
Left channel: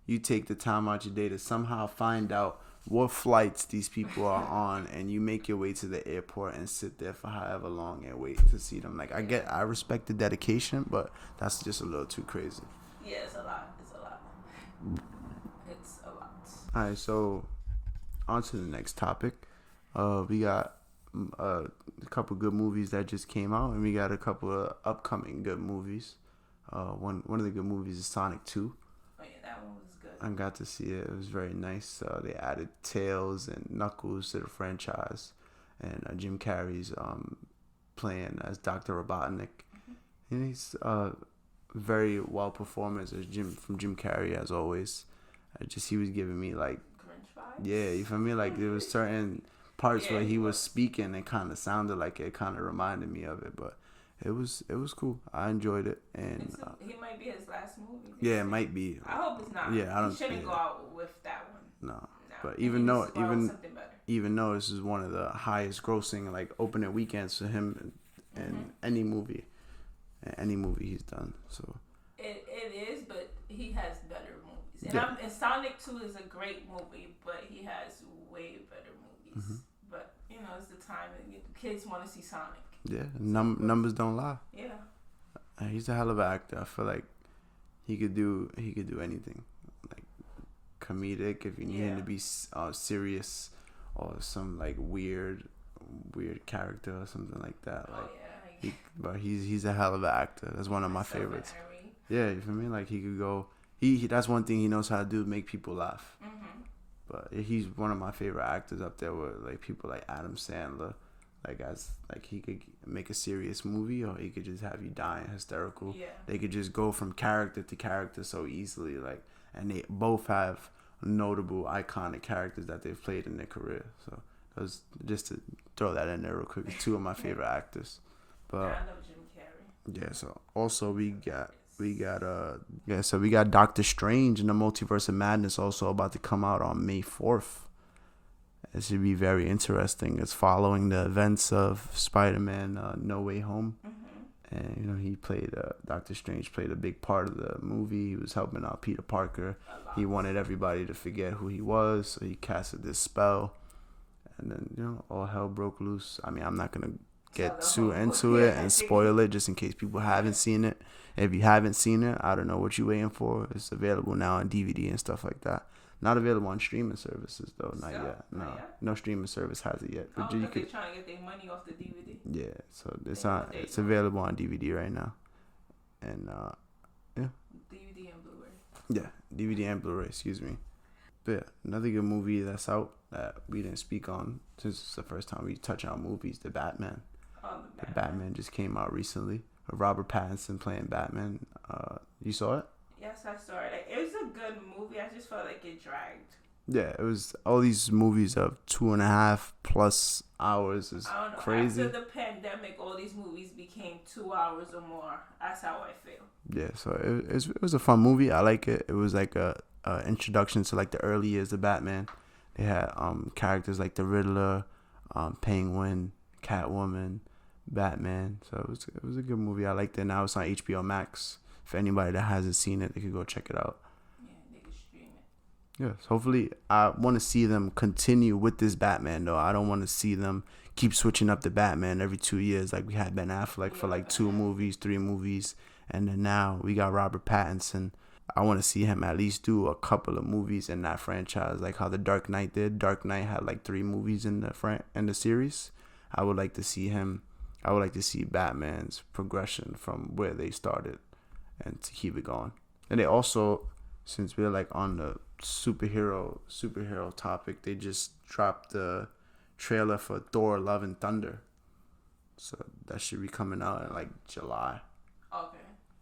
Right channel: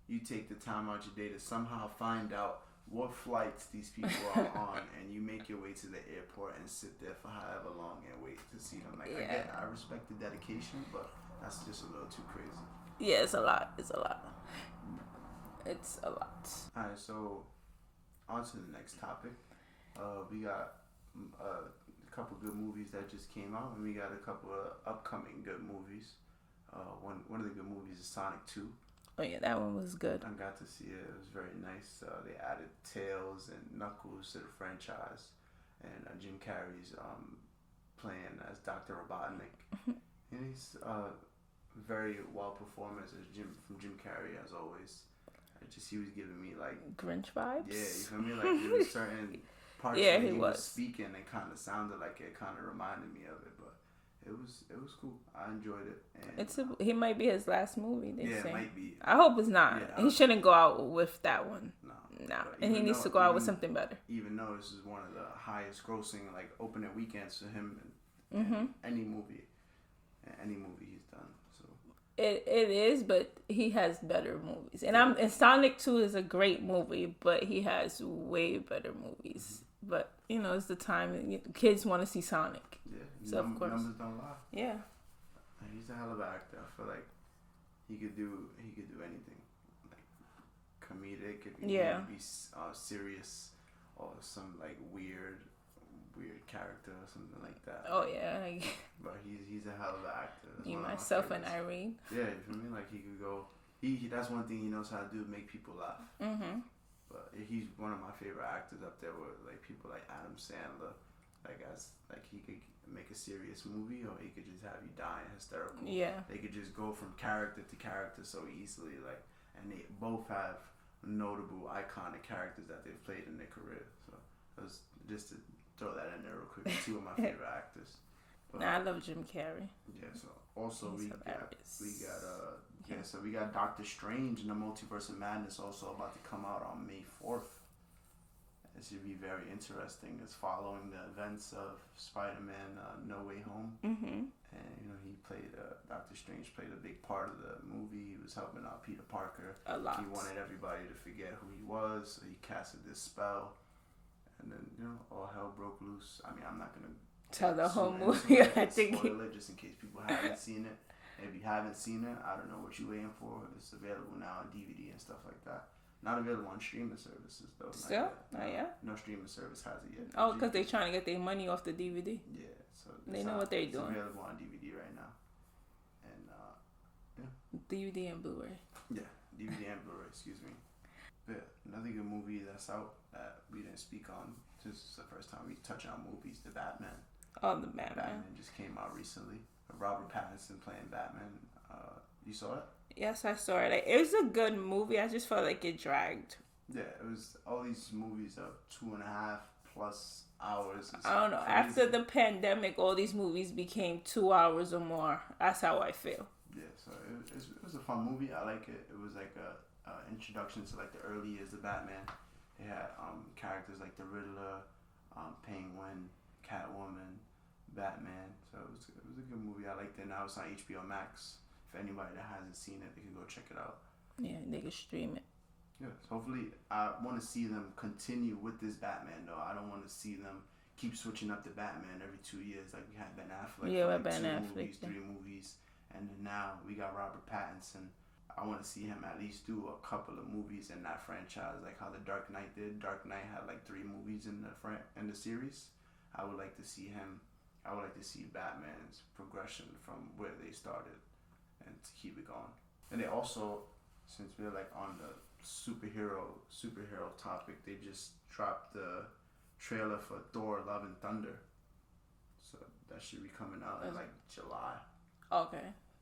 you take the time out your day to somehow find out what flights these people are on, and you make your way to the airport and sit there for however long and wait to see them. Like, Yeah. I respect the dedication, but that's just a little too crazy. Yeah, it's a lot. It's a lot. It's a lot. All right, so on to the next topic. We got a couple good movies that just came out, and we got a couple of upcoming good movies. One of the good movies is Sonic 2. Oh yeah, that one was good. I got to see it. It was very nice. They added Tails and Knuckles to the franchise, and Jim Carrey's playing as Dr. Robotnik. And he's very well performance as Jim Carrey, as always. He was giving me like Grinch vibes. Yeah, you feel me? Like, there was certain parts Yeah, when he he was was. speaking, it kind of sounded like it kind of reminded me of it, but it was cool. I enjoyed it, and He might be his last movie. yeah, it might be. I hope it's not. Yeah, He shouldn't go out with that one. No, But he needs to go out with something better. Even though this is one of the highest grossing like opening weekends for him in any movie he's done. So It is, but he has better movies. And Sonic 2 is a great movie, but he has way better movies. But, you know, it's the time. Kids want to see Sonic. yeah, So, numbers don't lie. Yeah. He's a hell of an actor. I feel like he could do anything, like comedic if you need him to be serious, or some like weird character or something like that. Oh like, yeah. but he's a hell of an actor. That's one of my Myself favorites. and Irene. Yeah, you feel me? Like, he could go. He that's one thing he knows how to do, make people laugh. But he's one of my favorite actors up there with like people like Adam Sandler. Like he could make a serious movie, or he could just have you dying hysterical. Yeah. They could just go from character to character so easily. Like, and they both have notable, iconic characters that they've played in their career. So it was just to throw that in there real quick. 2 of my favorite actors. But I love Jim Carrey. yeah, so also we got Doctor Strange and the Multiverse of Madness also about to come out on May 4th. It should be very interesting. It's following the events of Spider-Man No Way Home. And you know, he played Doctor Strange played a big part of the movie. He was helping out Peter Parker. A lot. He wanted everybody to forget who he was, so he casted this spell, and then, you know, all hell broke loose. I mean, I'm not gonna get too into it and spoil it, just in case people haven't seen it. If you haven't seen it, I don't know what you're waiting for. It's available now on DVD and stuff like that. Not available on streaming services though. Not yet. No, Not yet? no streaming service has it yet. Oh, because they're trying to get their money off the DVD. Yeah, so it's doing. available on DVD right now, and yeah. DVD and Blu-ray. Yeah, DVD and Blu-ray. Excuse me. But yeah, another good movie that's out that we didn't speak on since it's the first time we touch on movies, The Batman. Oh, the Batman. The Batman just came out recently. Robert Pattinson playing Batman. You saw it? Yes, I saw it. Like, it was a good movie. I just felt like it dragged. Yeah, it was all these movies of 2.5+ hours. Is I don't know. crazy. After the pandemic, all these movies became 2 hours or more. That's how I feel. Yeah, so it was a fun movie. I like it. It was like a introduction to like the early years of Batman. They had characters like the Riddler, Penguin, Catwoman, Batman. So it was a good movie. I liked it. Now it's on HBO Max. For anybody that hasn't seen it, they could go check it out. Yeah, they can stream it. Yes, hopefully I want to see them continue with this Batman though. I don't want to see them keep switching up the Batman every 2 years like we had Ben Affleck for like 2 movies, 3 movies, and then now we got Robert Pattinson. I want to see him at least do a couple of movies in that franchise, like how the Dark Knight did. Dark Knight had like 3 movies in the series. I would like to see him. I would like to see Batman's progression from where they started and to keep it going. And they also, since we're like on the superhero topic, they just dropped the trailer for Thor: Love and Thunder, so that should be coming out in like July. Okay.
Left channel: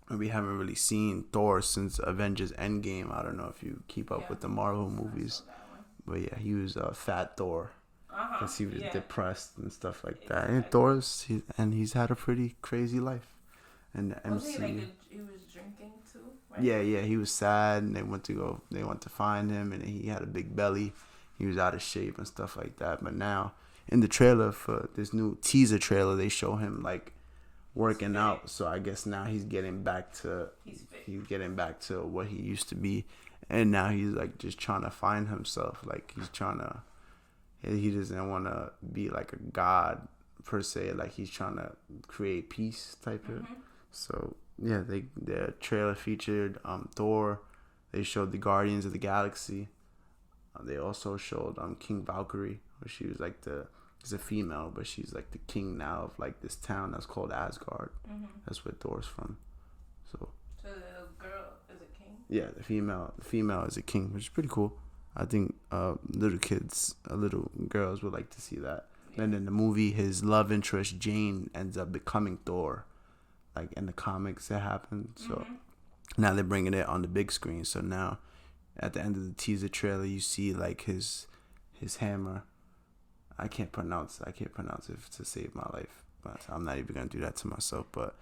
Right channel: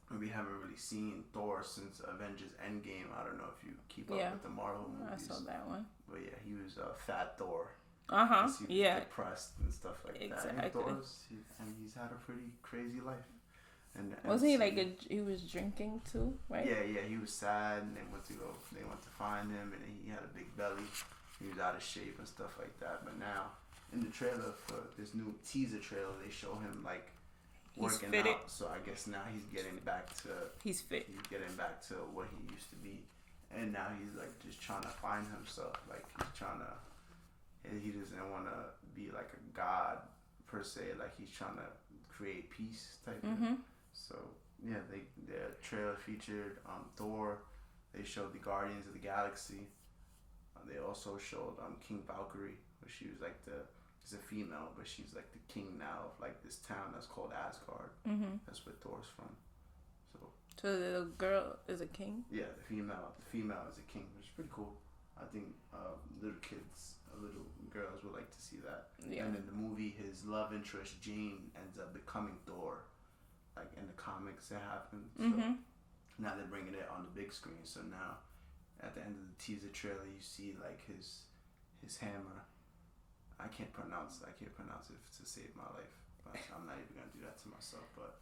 And we haven't really seen Thor since Avengers Endgame. I don't know if you keep up with the Marvel movies. I saw that one. But yeah, he was fat Thor. Because he was depressed and stuff like that. Exactly. And he's had a pretty crazy life. And wasn't he like he was drinking too, right? Yeah, he was sad, and they went to find him, and he had a big belly. He was out of shape and stuff like that. But now, in the trailer for this new teaser trailer, they show him like working out. So I guess now he's getting back to he's fit. He's getting back to what he used to be, and now he's like just trying to find himself. Like he doesn't want to be like a god per se. Like he's trying to create peace type of. So yeah, the trailer featured Thor. They showed the Guardians of the Galaxy. They also showed King Valkyrie, where she was like is a female, but she's like the king now of like this town that's called Asgard. That's where Thor's from. So the girl is a king. Yeah, the female is a king, which is pretty cool. I think little girls would like to see that. Yeah. And in the movie, his love interest Jane ends up becoming Thor. Like in the comics, it happened. So now they're bringing it on the big screen. So now, at the end of the teaser trailer, you see like his hammer. I can't pronounce it to save my life. But I'm not even gonna do that to myself. But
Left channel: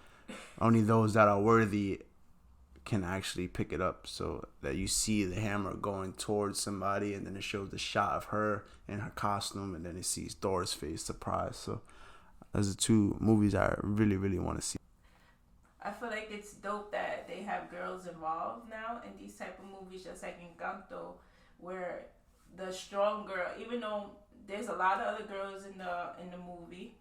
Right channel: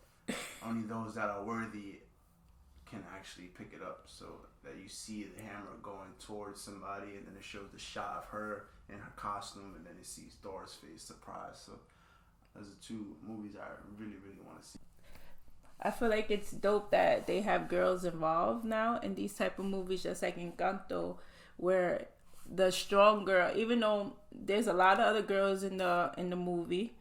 only those that are worthy can actually pick it up. So that you see the hammer going towards somebody, and then it shows the shot of her in her costume, and then it sees Thor's face, surprise. So those are 2 movies I really, really want to see. I feel like it's dope that they have girls involved now in these type of movies, just like Encanto, where the strong girl, even though there's a lot of other girls in the movie,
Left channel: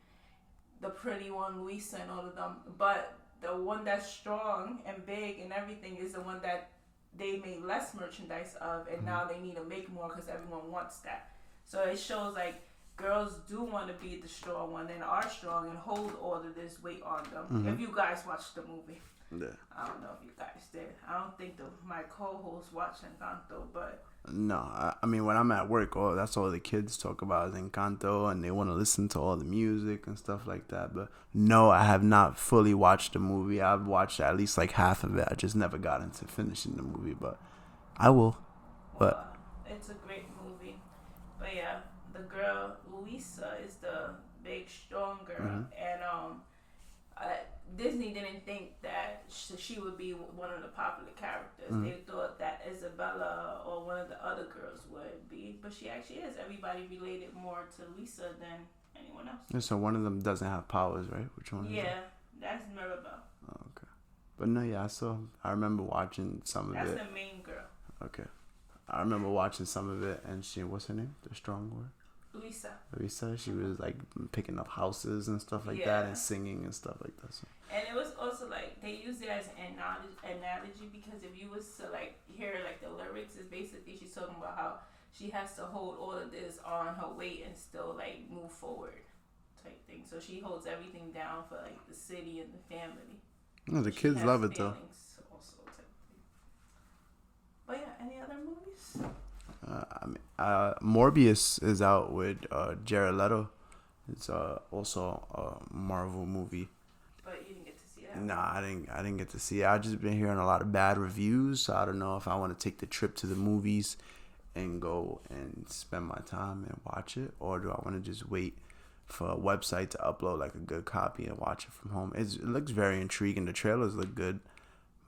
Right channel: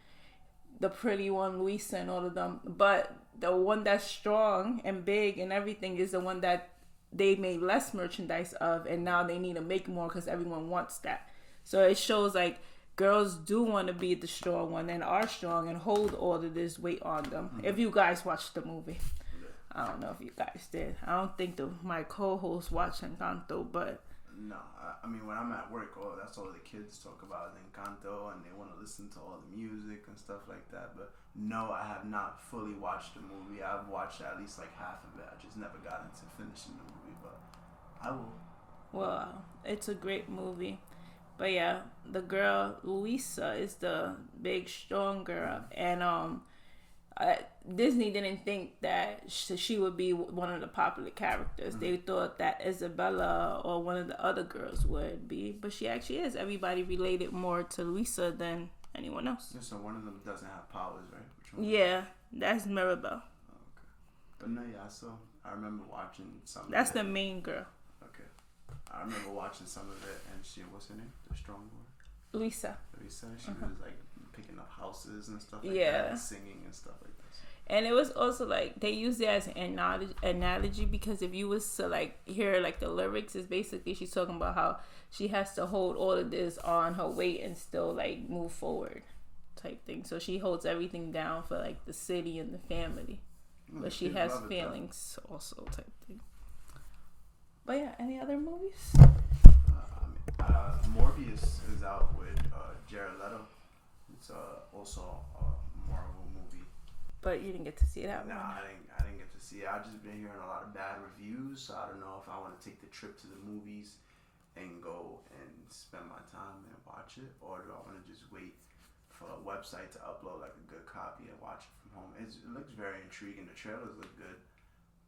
the pretty one, Luisa and all of them, but the one that's strong and big and everything is the one that they made less merchandise of, and now they need to make more because everyone wants that. So it shows like girls do want to be the strong one and are strong and hold all of this weight on them. If you guys watched the movie. Yeah. I don't know if you guys did. I don't think my co-host watched Encanto, but... No, I mean, when I'm at work, that's all the kids talk about is Encanto, and they want to listen to all the music and stuff like that. But no, I have not fully watched the movie. I've watched at least like half of it. I just never got into finishing the movie, but I will. Well, it's a great movie. But yeah, the girl Luisa is the big strong girl, and Disney didn't think that she would be one of the popular characters. They thought that Isabella or one of the other girls would be, but she actually is. Everybody related more to Luisa than anyone else. Yeah, so one of them doesn't have powers, right? Which one? Yeah, that's Mirabelle. Oh, okay. But no, yeah, I remember watching some of it. That's the main girl. Okay. I remember watching some of it, and what's her name? The strong one? Luisa. She was like picking up houses and stuff like that, and singing and stuff like that. So. And it was also like they used it as an analogy because if you was to like hear like the lyrics, is basically she's talking about how she has to hold all of this on her weight and still like move forward, type thing. So she holds everything down for like the city and the family. No, the kids love it though. Also type thing. But yeah, any other movies? Morbius is out with Jared Leto. It's also a Marvel movie. But you didn't get to see that. Nah, I didn't get to see it. I just been hearing a lot of bad reviews, so I don't know if I want to take the trip to the movies and go and spend my time and watch it, or do I want to just wait for a website to upload like a good copy and watch it from home. It looks very intriguing. The trailers look good,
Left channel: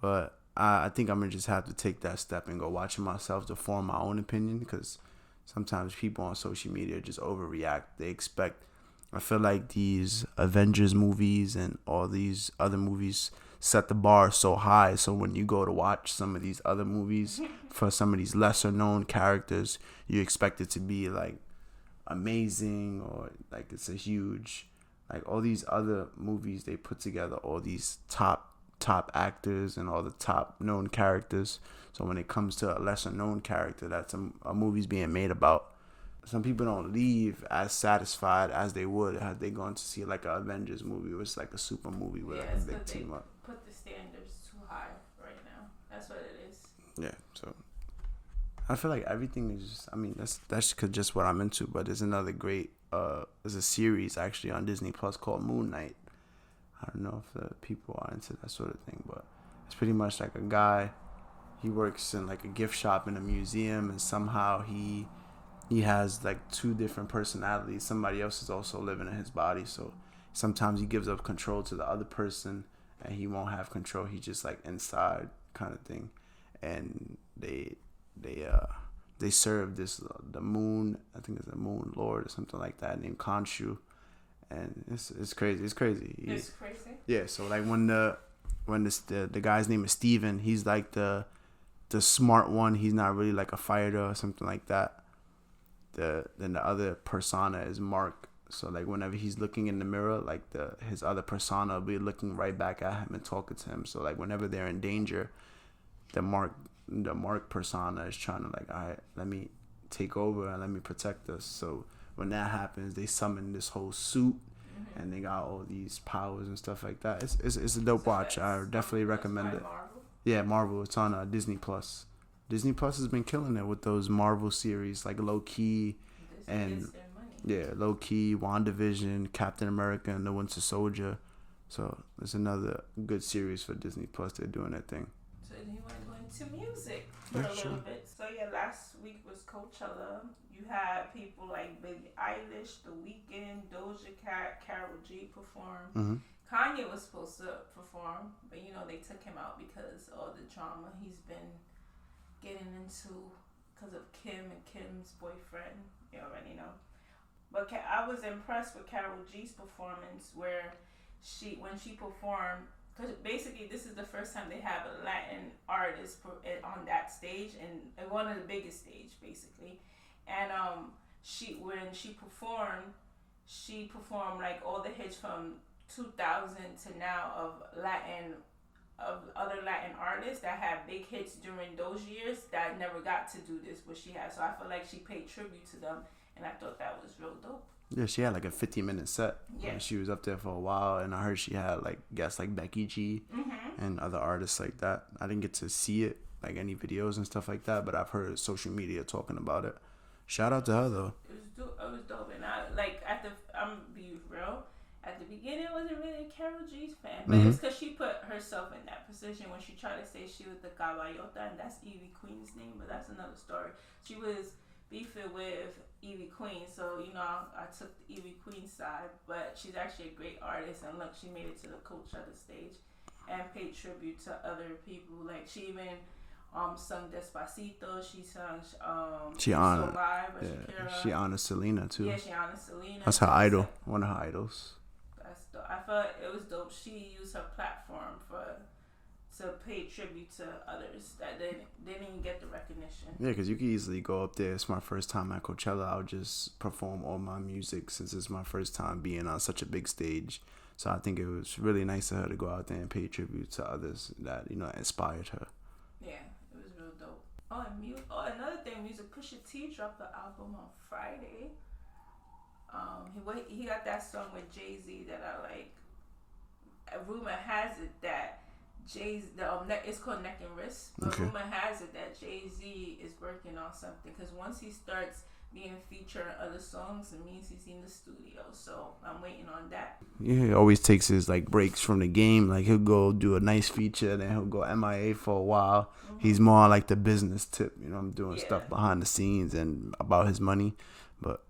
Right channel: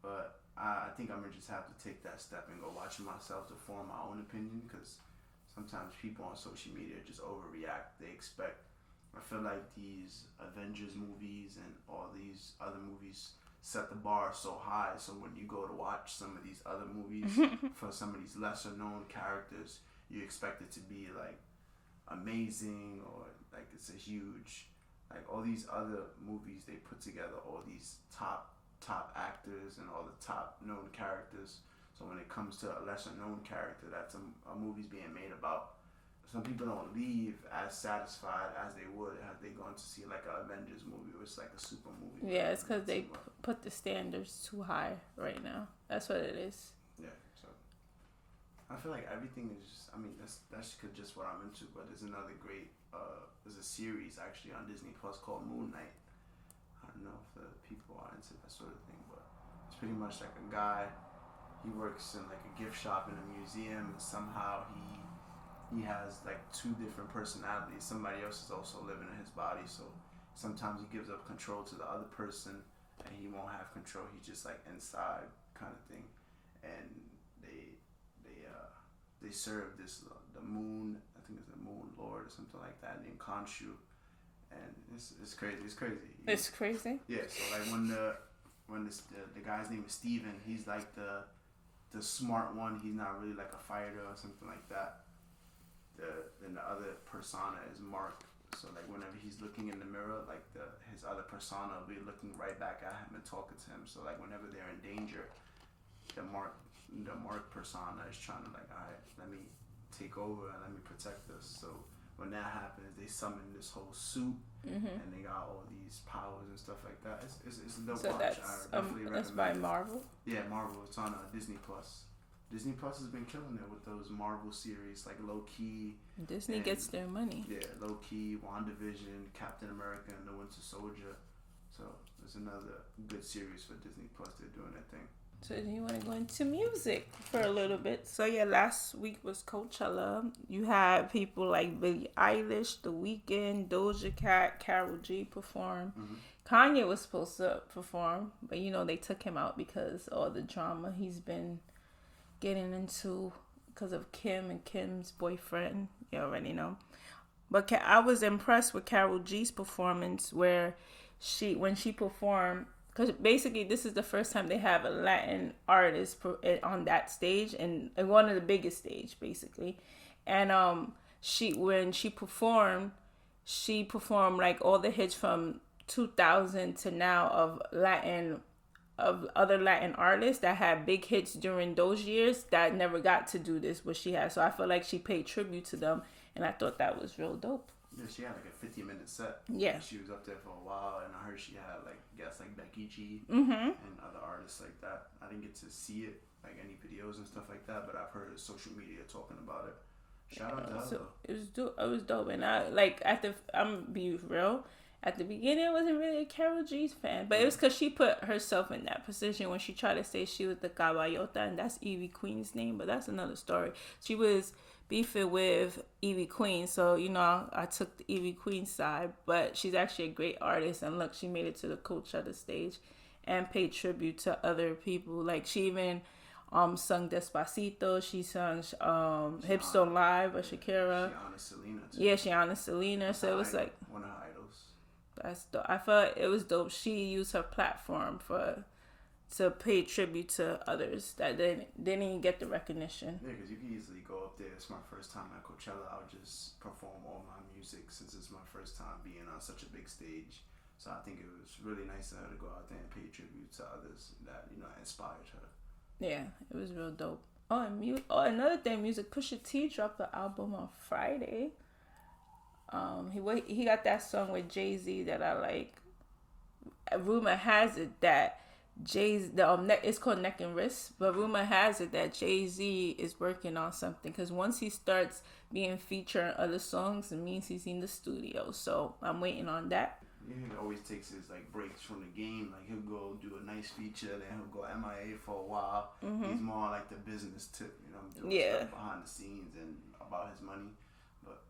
but I think I'm gonna just have to take that step and go watch it myself to form my own opinion, because sometimes people on social media just overreact. They expect, I feel like these Avengers movies and all these other movies set the bar so high, so when you go to watch some of these other movies for some of these lesser known characters, you expect it to be like amazing, or like it's a huge, like all these other movies they put together all these top actors and all the top known characters. So when it comes to a lesser known character that's a movie's being made about, some people don't leave as satisfied as they would had they gone to see like an Avengers movie, which is like a super movie. Yeah, it's because they put the standards too high right now. That's what it is. Yeah, so I feel like everything is just, I mean, that's just what I'm into. But there's another great, there's a series actually on Disney Plus called Moon Knight. I don't know if the people are into that sort of thing, but it's pretty much like a guy, he works in like a gift shop in a museum, and somehow he has like two different personalities. Somebody else is also living in his body, so sometimes he gives up control to the other person and he won't have control. He's just like inside kind of thing. And they serve the moon, I think it's a moon lord or something like that, named Khonshu, and it's crazy. It's crazy. It's crazy. Yeah. So like when the guy's name is Steven, he's like the smart one. He's not really like a fighter or something like that. Then the other persona is Mark. So like whenever he's looking in the mirror, like his other persona will be looking right back at him and talking to him. So like whenever they're in danger, the Mark persona is trying to like, all right, let me take over and let me protect us. So when that happens, they summon this whole suit, and they got all these powers and stuff like that. It's a dope watch. I definitely recommend it. Marvel? Yeah, Marvel. It's on Disney Plus. Disney Plus has been killing it with those Marvel series, like Low Key. Disney gets their money. Yeah, Low Key, WandaVision, Captain America, and the Winter Soldier. So it's another good series for Disney Plus. They're doing their thing. So do you want to go into music for a little bit? So yeah, last week was Coachella. You had people like Billie Eilish, The Weeknd, Doja Cat, Karol G perform. Kanye was supposed to perform, but they took him out because all the drama he's been getting into because of Kim and Kim's boyfriend. You already know. But I was impressed with Karol G's performance, where when she performed, because basically this is the first time they have a Latin artist on that stage, and one of the biggest stage basically. And when she performed like all the hits from 2000 to now of other Latin artists that had big hits during those years that never got to do this, what she had. So I feel like she paid tribute to them, and I thought that was real dope. Yeah, she had like a 50-minute set. Yeah. And she was up there for a while, and I heard she had like guests like Becky G and other artists like that. I didn't get to see it, like any videos and stuff like that, but I've heard social media talking about it. Shout out to her though. It was dope, and I'm gonna be real. At the beginning, I wasn't really a Karol G's fan, but it was because she put herself in that position when she tried to say she was the caballota, and that's Ivy Queen's name, but that's another story. She was beefing with Ivy Queen, so I took the Ivy Queen side, but she's actually a great artist, and look, she made it to the Coachella stage and paid tribute to other people. Like she even sung Despacito. She sung So Live by Shakira. She honored Selena too. Yeah, she honored Selena. That's her idol. One of her idols. That's dope. I felt it was dope. She used her platform to pay tribute to others that didn't even get the recognition. Yeah, because you could easily go up there. It's my first time at Coachella. I'll just perform all my music since it's my first time being on such a big stage. So I think it was really nice of her to go out there and pay tribute to others that inspired her. Yeah, it was real dope. Oh, and another thing, music. Pusha T dropped the album on Friday. He got that song with Jay-Z that I like. Rumor has it that it's called Neck and Wrist, but rumor has it that Jay-Z is working on something, because once he starts being featured on other songs, it means he's in the studio. So I'm waiting on that. Yeah, he always takes his like breaks from the game. Like he'll go do a nice feature, then he'll go MIA for a while. He's more on like the business tip, you know. I'm doing stuff behind the scenes and about his money, but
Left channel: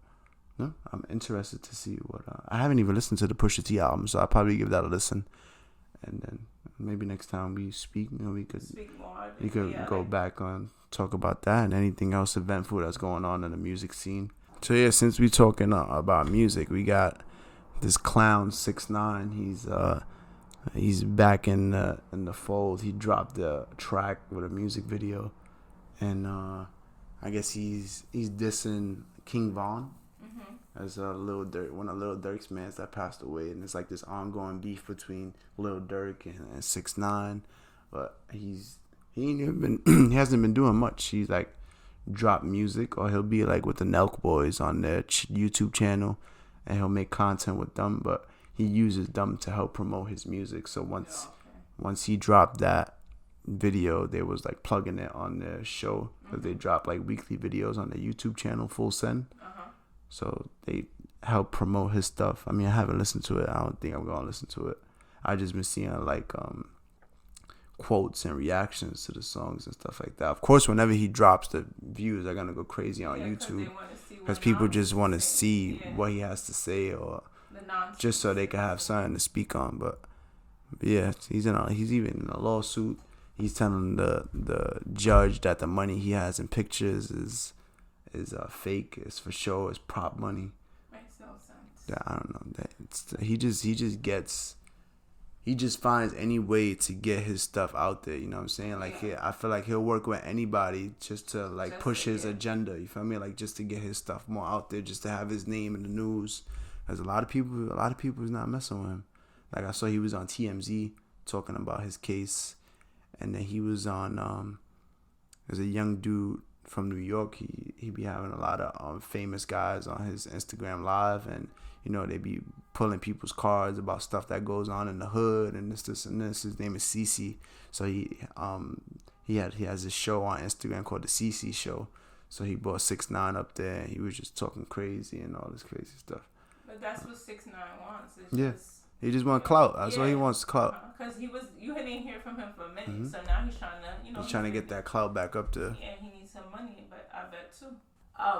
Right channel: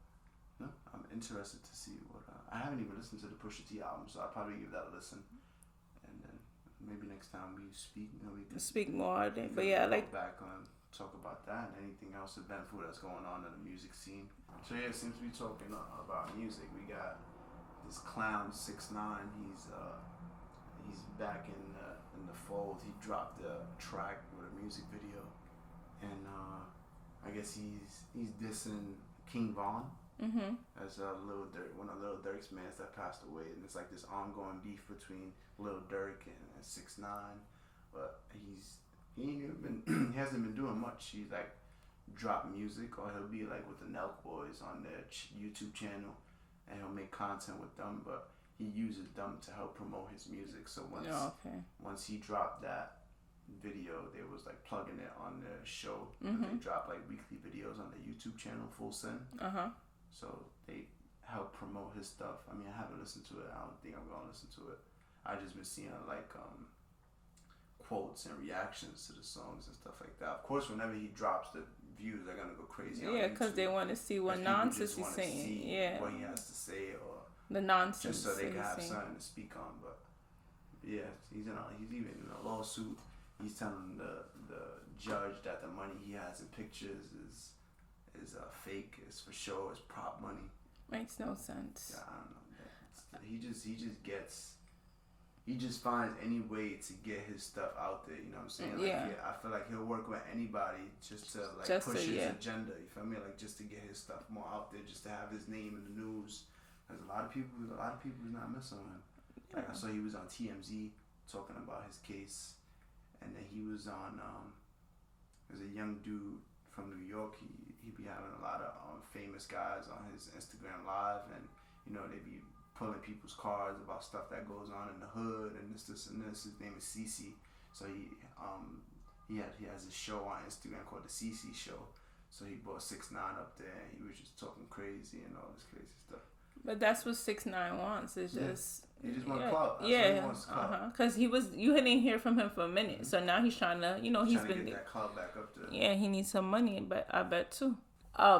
no, I'm interested to see what. I haven't even listened to the Pusha T album, so I'll probably give that a listen, and then maybe next time we speak, you know, we could speak more. We could go back on talk about that and anything else eventful that's going on in the music scene. So yeah, since we talking about music, we got this clown 6ix9ine. He's back in the fold. He dropped a track with a music video, and I guess he's dissing King Von. As Lil Durk, one of Lil Durk's mans that passed away, and it's like this ongoing beef between Lil Durk and 6ix9ine, but he hasn't been doing much. He's like drop music, or he'll be like with the Nelk Boys on their YouTube channel, and he'll make content with them, but he uses them to help promote his music. So once he dropped that video, they was like plugging it on their show, because they drop like weekly videos on their YouTube channel, Full Send. So they help promote his stuff. I mean, I haven't listened to it. I don't think I'm gonna listen to it. I just been seeing like quotes and reactions to the songs and stuff like that. Of course, whenever he drops, the views are gonna go crazy on YouTube, because they want to see because people just want to see what he has to say, or the nonsense, just so they can have something to speak on. But yeah, he's even in a lawsuit. He's telling the judge that the money he has in pictures is fake. It's for show. It's prop money. Makes no sense. Yeah, I don't know. He just finds any way to get his stuff out there. You know what I'm saying? Like, I feel like he'll work with anybody just to like push his agenda. You feel me? Like, just to get his stuff more out there, just to have his name in the news. There's a lot of people is not messing with him. Like, I saw he was on TMZ talking about his case, and then he was on there's a young dude from New York. He be having a lot of famous guys on his Instagram live, and you know, they be pulling people's cards about stuff that goes on in the hood and this and this. His name is CC. So he has this show on Instagram called the CC Show. So he brought 6ix9ine up there. He was just talking crazy and all this crazy stuff. But that's what 6ix9ine wants. It's he just wants clout. That's all he wants, clout. Because you didn't hear from him for a minute, so now he's trying to, he's trying to get that clout back up there. Yeah, he needs some money, but I bet too.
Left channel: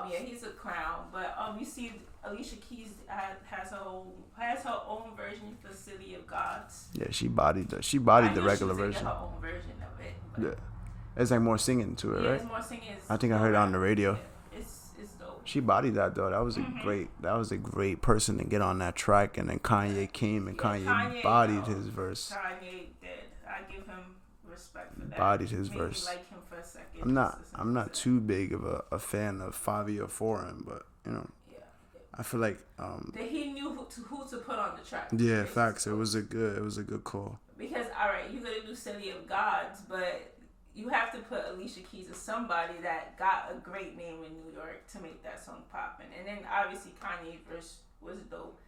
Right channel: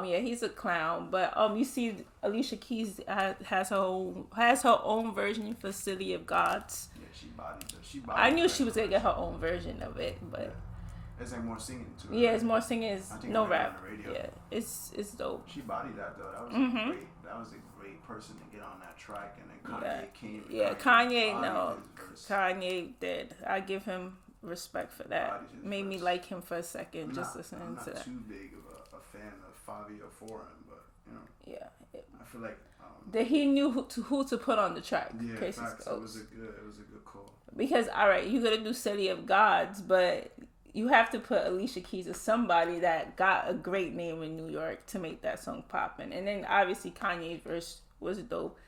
He's a clown. But you see, Alicia Keys has her own version for City of Gods. Yeah, she bodied the regular version. I knew she was gonna get her own version of it, but it's like more singing to it. Yeah, right? It's more singing. I think I heard it on the radio. Yeah, it's dope. She bodied that though. That was a great person to get on that track. And then Kanye came and Kanye bodied his verse. Kanye did. I give him respect for that. Bodied his Made verse. me like him for a second. I'm not too big of a fan of Fabio Foreign, but you know. Yeah. I feel like that he knew who to put on the track. Yeah, facts. It was a good call. Because you're gonna do City of Gods, but you have to put Alicia Keys as somebody that got a great name in New York to make that song poppin'. And then obviously Kanye's verse was dope.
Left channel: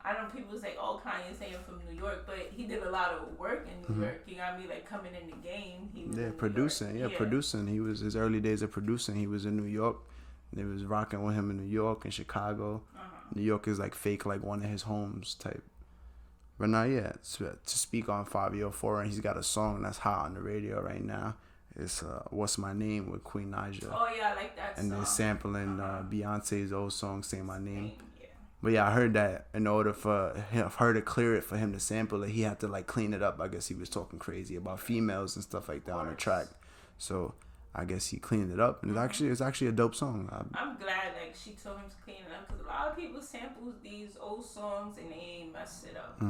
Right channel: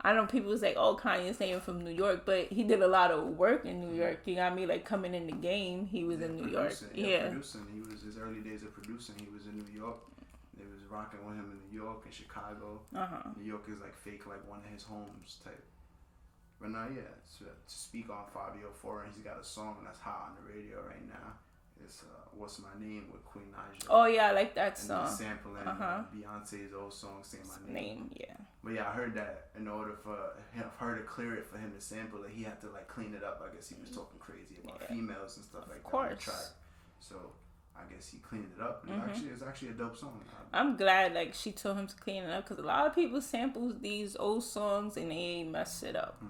I know people was like, "Oh, Kanye's saying from New York," but he did a lot of work in New York. You got me, like coming in the game, he was in New producing. York. Producing. He was his early days of producing. He was in New York. They was rocking with him in New York and Chicago. New York is like fake, like one of his homes type. But now, to speak on Fabio Foreign, he's got a song that's hot on the radio right now. It's "What's My Name" with Queen Naija. Oh yeah, I like that song. And he's sampling Beyonce's old song "Say My Name." Yeah. But yeah, I heard that in order for her to clear it, for him to sample it, he had to like clean it up. I guess he was talking crazy about females and stuff like that on the track. So I guess he cleaned it up, and it's actually a dope song. I'm glad like she told him to clean it up, because a lot of people sample these old songs and they mess it up.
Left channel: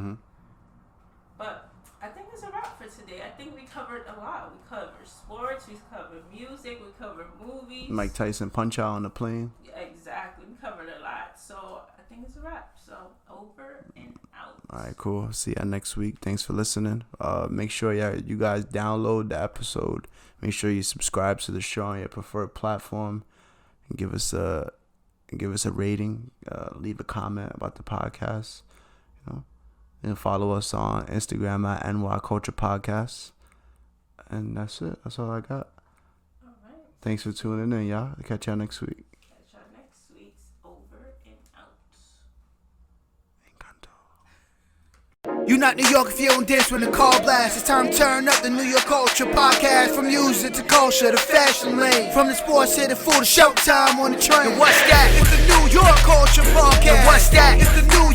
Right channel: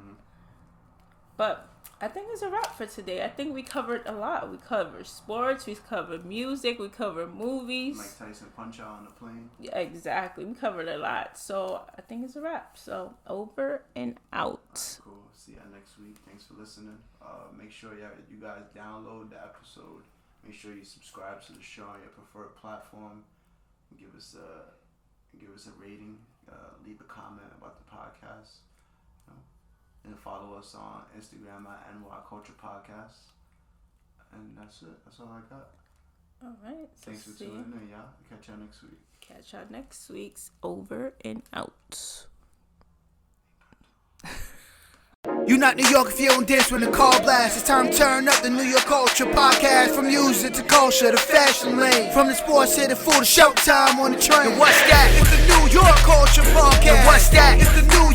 But I think it's a wrap for today. I think we covered a lot. We covered sports, we covered music, we covered movies. Mike Tyson punch out on the plane. Yeah, exactly. We covered a lot. So I think it's a wrap. So over and out. All right, cool. See you next week. Thanks for listening. Make sure you guys download the episode. Make sure you subscribe to the show on your preferred platform, and give us a rating. Leave a comment about the podcast. And follow us on Instagram at NY Culture Podcast. And that's it. That's all I got. All right. Thanks for tuning in, y'all. I'll catch y'all next week. Catch y'all next week's over and out. You not New York if you don't dance when the call blast. It's time to turn up the New York Culture Podcast. From music to culture to fashion lane. From the sports to the food to showtime on the train. And what's that? It's the New York Culture Podcast. And what's that? It's the New